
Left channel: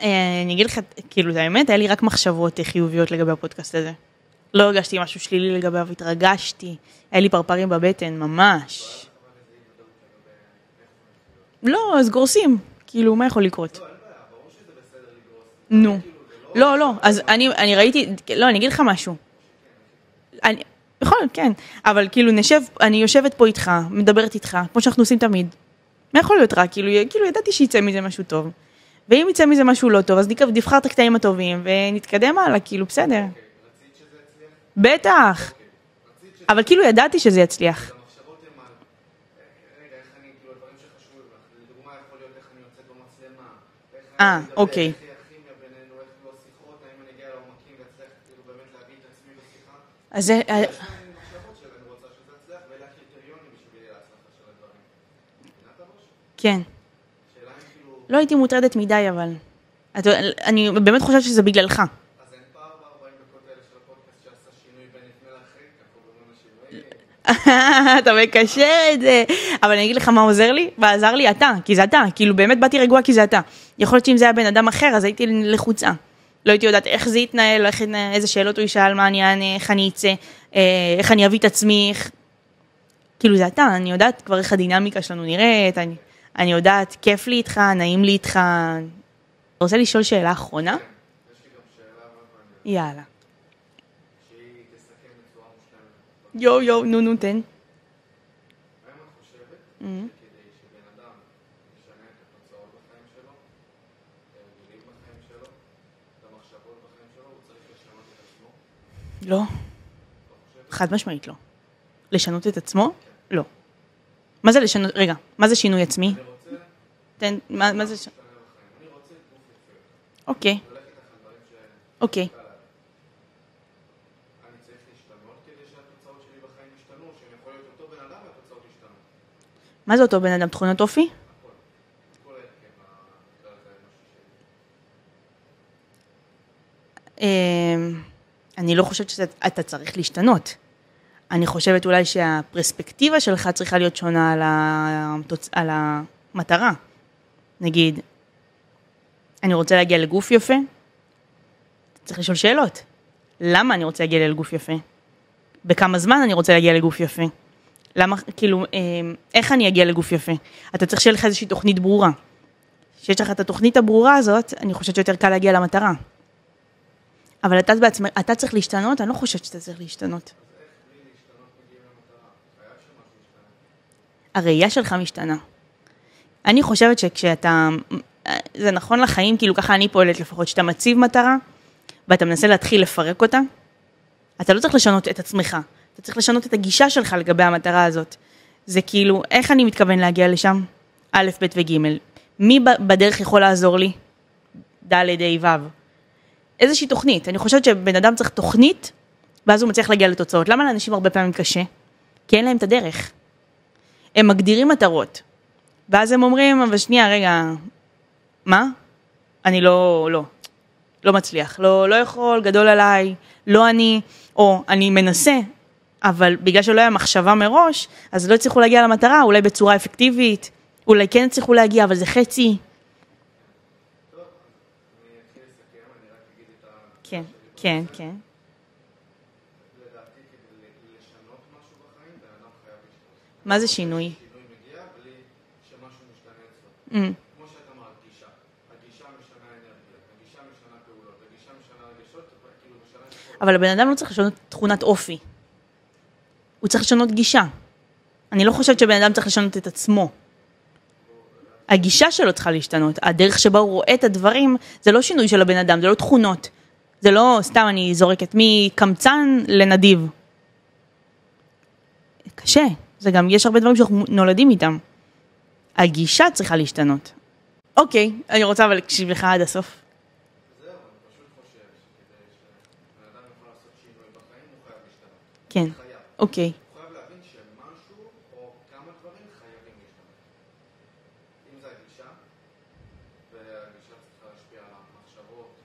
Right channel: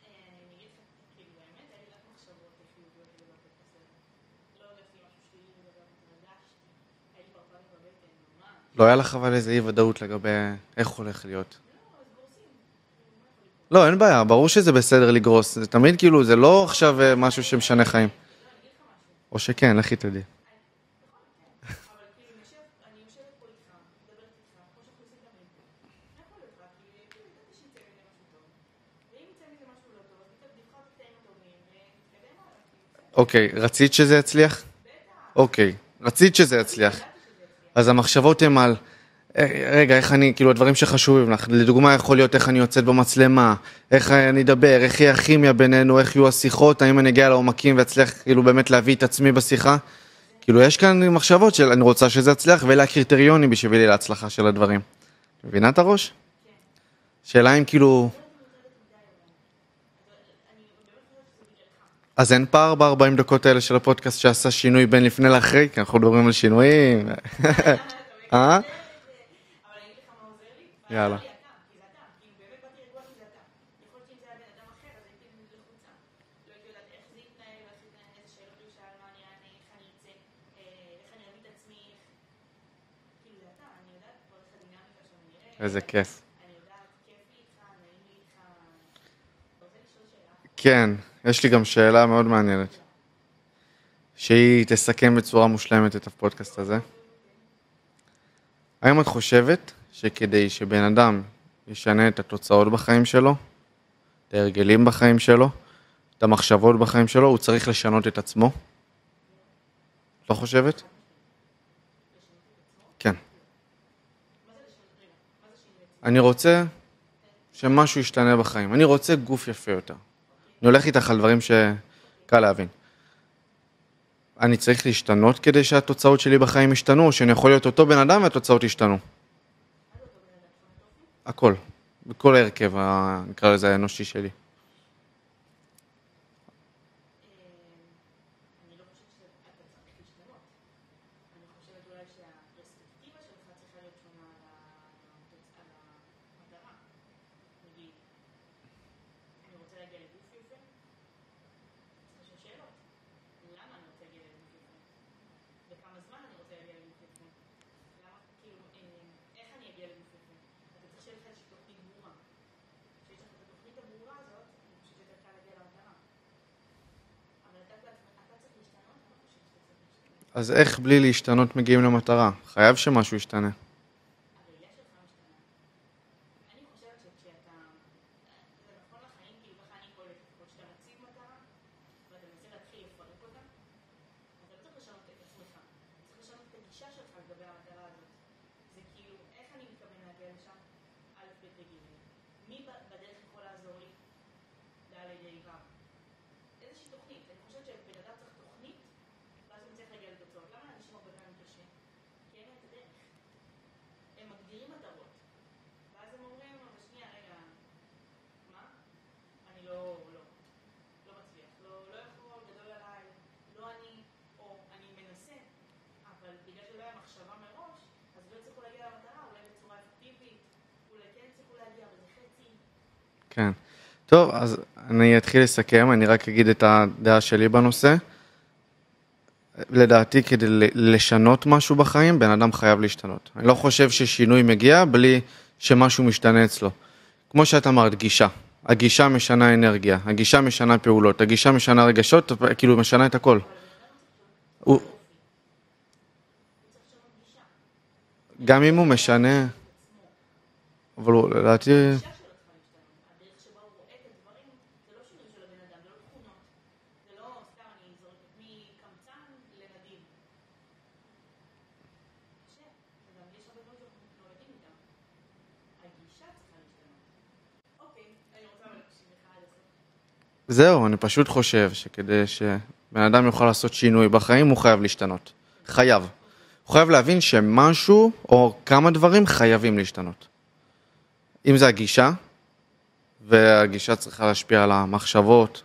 אני אגיד לך, כאילו, זה האמת, היה לי רק מחשבות חיוביות לגבי הפודקאסט הזה. לא הרגשתי משהו שלילי לגביו, התרגשתי, היה לי פרפרים בבטן, ממש. לא היה לך אבל איזה אי ודאות לגבי איך הולך להיות? לא, אז גורסים. כאילו, מה יכול לקרות? לא, אין בעיה, ברור שזה בסדר לגרוס. זה תמיד כאילו, זה לא עכשיו משהו שמשנה חיים. לא, אני אגיד לך משהו. או שכן, לכי תדעי. יכול, כן. אבל כאילו, אני יושבת פה איתך, מדברת איתך, כמו שאנחנו עושים תמיד. מה יכול להיות רע? כאילו, ידעתי שיצא מזה משהו טוב. ואם יצא מזה משהו לא טוב, אז נבחר את הקטעים הטובים, ונתקדם הלאה, כאילו, בסדר. אוקיי, רצית שזה יצליח? בטח. אוקיי, רצית שזה יצליח. אבל כאילו ידעתי שזה יצליח. אז המחשבות הן על, רגע, איך אני, כאילו, הדברים שחשובים לך, לדוגמה יכול להיות איך אני יוצאת במצלמה, איך אני אדבר, אוקיי. איך יהיה הכימיה בינינו, איך יהיו השיחות, האם אני אגיע לעומקים ואצליח כאילו באמת להביא את עצמי בשיחה. כאילו, יש כאן מחשבות של אני רוצה שזה יצליח, ואלה הקריטריונים בשבילי להצלחה של הדברים. מבינה את הראש? כן. שאלה אם כאילו... לא הייתי מוטרדת מדי, אבל... אני באמת חושבת שזה בגללך. אז אין פער ב-40 דקות האלה של הפודקאסט שעשה שינוי בין לפני לאחרי, כי אנחנו מדברים על שינויים. אתה מקשר את זה. אבל אני אגיד לך מה עוזר לי, ועזר לי אתה, כי זה אתה. כאילו באמת באתי רגוע כי זה אתה. יכול להיות שאם זה היה בן אדם אחר, אז הייתי לחוצה. לא הייתי יודעת איך זה יתנהל, איזה שאלות הוא ישאל, מה אני אענה, איך אני אצא, איך אני אביא את עצמי. כאילו זה אתה, אני יודעת כבר איך הדינמיקה שלנו נראית. איזה כיף. אני יודעת, כיף לי איתך, נעים לי איתך. אתה רוצה לשאול שאלה אחרונה? כן, יש לי גם שאלה מאוד מעניינת. יאללה. שהיא תסכם בצורה מושלמת את הפודקאסט הזה. יו, נו, תן. האם את חושבת שכדי שבן אדם ישנה את התוצאות בחיים שלו, את ההרגלים בחיים שלו, את המחשבות בחיים שלו, הוא צריך לשנות את עצמו? לא. לא חושבת? חד משמעית לא. לשנות את עצמו? כן. לא. מה זה לשנות, רגע, מה זה שינוי עצמי? אני רוצה מה שמשהו זה... ישתנה בחיים. אני רוצה גוף יפה יותר. אוקיי. אני הולך איתך על דברים אוקיי. שקל להבין. אני צריך להשתנות כדי שהתוצאות שלי בחיים ישתנו, או שאני יכול להיות אותו בן אדם והתוצאות ישתנו. מה זה אותו בן אדם? תכונות אופי? הכל. בכל ההרכב, נקרא לזה האנושי שלי. אני לא חושבת שאתה צריך להשתנות. אני חושבת אולי שהפרספקטיבה שלך צריכה להיות שונה על המטרה. נגיד, אני רוצה להגיע לגוף יפה, צריך לשאול שאלות. למה אני רוצה להגיע לגוף יפה? בכמה זמן אני רוצה להגיע לגוף יפה? למה, כאילו, איך אני אגיע לגוף יפה? אתה צריך שיהיה לך איזושהי תוכנית ברורה. כשיש לך את התוכנית הברורה הזאת, אני חושבת שיותר קל להגיע למטרה. אבל אתה צריך להשתנות, אני לא חושבת שאתה צריך להשתנות. אז איך בלי להשתנות מגיעים למטרה? חייב שמשהו ישתנה. הראייה שלך משתנה. אני חושבת שכשאתה, זה נכון לחיים, כאילו ככה אני פועלת לפחות, שאתה מציב מטרה, ואתה מנסה להתחיל לפרק אותה, אתה לא צריך לשנות את עצמך, אתה צריך לשנות את הגישה שלך לגבי המטרה הזאת. זה כאילו, איך אני מתכוון להגיע לשם? א', ב' וג'. מי בדרך יכול לעזור לי? ד', ה', ו'. איזושהי תוכנית. אני חושבת שבן אדם צריך תוכנית, ואז הוא מצליח להגיע לתוצאות. למה לאנשים הרבה פעמים קשה? כי אין להם את הדרך. הם מגדירים מטרות. ואז הם אומרים, אבל שנייה, רגע, מה? אני לא מצליח. לא יכול, גדול עליי, לא אני, או אני מנסה, אבל בגלל שלא היה מחשבה מראש, אז לא הצליחו להגיע למטרה, אולי בצורה אפקטיבית, אולי כן הצליחו להגיע, אבל זה חצי. כן. טוב, אז אני אתחיל לסכם, אני רק אגיד את הדעה שלי בנושא. כן. לדעתי, כדי לשנות משהו בחיים, בן אדם חייב להשתנות. אני לא חושב ששינוי מגיע בלי שמשהו משתנה אצלו. כמו שאת אמרת, גישה. הגישה משנה אנרגיה, הגישה משנה פעולות, הגישה משנה רגשות, כאילו משנה את הכל. אבל הבן אדם לא צריך לשנות תכונת אופי. הוא צריך לשנות גישה. אני לא חושבת שבן אדם צריך לשנות את עצמו. אבל לדעתי... הגישה שלו צריכה להשתנות. הדרך שבה הוא רואה את הדברים, זה לא שינוי של הבן אדם, זה לא תכונות. זה לא, סתם אני זורקת מקמצן לנדיב. קשה. זה גם, יש הרבה דברים שאנחנו נולדים איתם. הגישה צריכה להשתנות. אוקיי, אני רוצה אבל להקשיב לך עד הסוף. זהו, אני פשוט חושב שכדי שבן אדם יוכל לעשות שינוי בחיים, הוא חייב להשתנות. כן. חייב. אוקיי. הוא חייב להבין שמשהו או כמה דברים חייבים להשתנות. אם זה הגישה, והגישה צריכה להשפיע על המחשבות,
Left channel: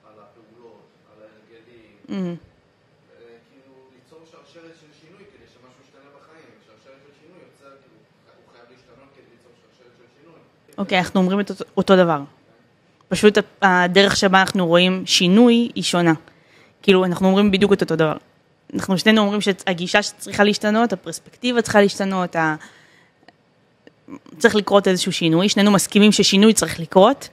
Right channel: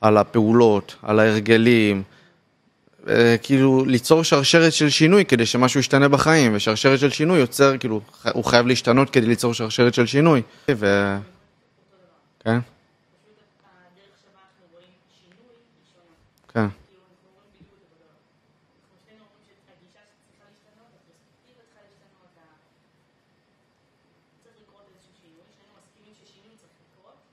על הפעולות, על ההרגלים, כאילו ליצור שרשרת של שינוי כדי שמשהו ישתנה בחיים, ושרשרת של שינוי יוצר, כאילו, הוא חייב להשתנות כדי ליצור שרשרת של שינוי. אוקיי, אנחנו אומרים את אותו דבר. כן. פשוט הדרך שבה אנחנו רואים שינוי היא שונה. כן. כאילו, אנחנו אומרים בדיוק את אותו דבר. אנחנו שנינו אומרים שהגישה צריכה להשתנות, הפרספקטיבה צריכה להשתנות, צריך לקרות איזשהו שינוי, שנינו מסכימים ששינוי צריך לקרות.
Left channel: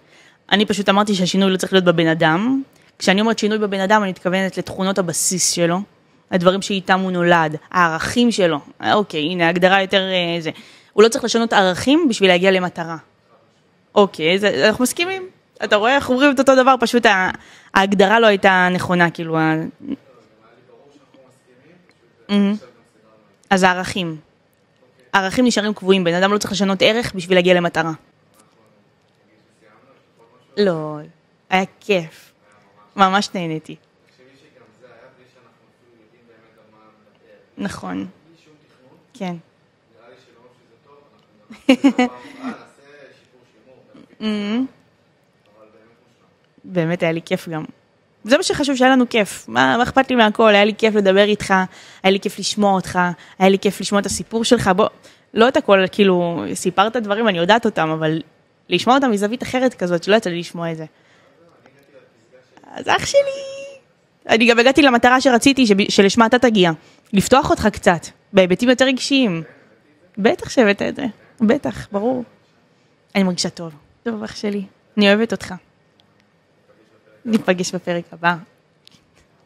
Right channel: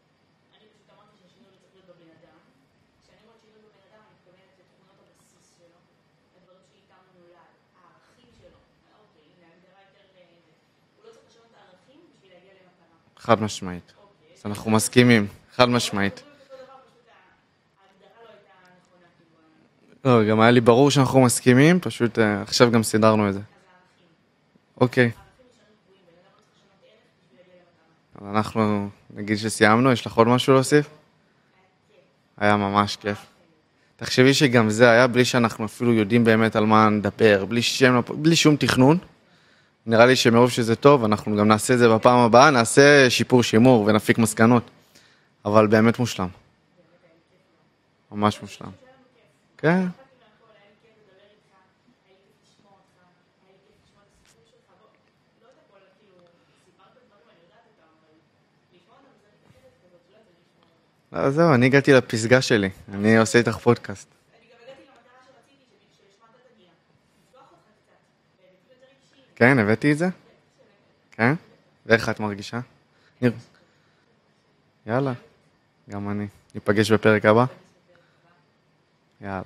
אני פשוט אמרתי שהשינוי לא צריך להיות בבן אדם. כשאני אומרת שינוי בבן אדם, אני מתכוונת לתכונות הבסיס שלו, הדברים שאיתם הוא נולד, הערכים שלו. אוקיי, הנה, הגדרה יותר זה. הוא לא צריך לשנות ערכים בשביל להגיע למטרה. חד משמעית. אוקיי, אנחנו מסכימים. אתה רואה, אנחנו אומרים את אותו דבר, פשוט ההגדרה לא הייתה נכונה, כאילו... לא, גם היה לי ברור שאנחנו מסכימים, פשוט עכשיו גם סידרנו את זה. אז הערכים. אוקיי. הערכים נשארים קבועים, בן אדם לא צריך לשנות ערך בשביל להגיע למטרה. אנחנו נגיד שסיימנו, יש לך עוד משהו להוסיף? לא, היה כיף. היה ממש כיף. ממש נהניתי. תחשבי שגם זה היה בלי שאנחנו אפילו יודעים באמת על מה נדבר, בלי שום תכנון. כן. נראה לי שמרוב שזה טוב, אנחנו גם נעשה את זה בפעם הבאה, נעשה שיפור שימור ונפיק מסקנות. אבל באמת מושלם. באמת היה לי כיף גם. זה מה שחשוב, שהיה לנו כיף. מה אכפת לי מהכל? היה לי כיף לדבר איתך, היה לי כיף לשמוע אותך, היה לי כיף לשמוע את הסיפור שלך. בוא, לא את הכל, כאילו, סיפרת דברים, אני יודעת אותם, אבל לשמוע אותם מזווית אחרת כזאת, שלא יצא לי לשמוע את זה. זהו, אני הגעתי לפסגה שלי. אני עושה איתך פודקאסט. אני גם הגעתי למטרה שרציתי, שלשמה אתה תגיע. לפתוח אותך קצת, בהיבטים יותר רגשיים. כן, הבאתי את זה? בטח שהבאת את זה. כן? בטח, ברור. ואיך את מרגישה? אני מרגישה טוב. טוב, אח שלי. אני אוהבת אותך. גם אני. ניפגש בפרק הבא? ניפגש בפרק הבא. יאללה.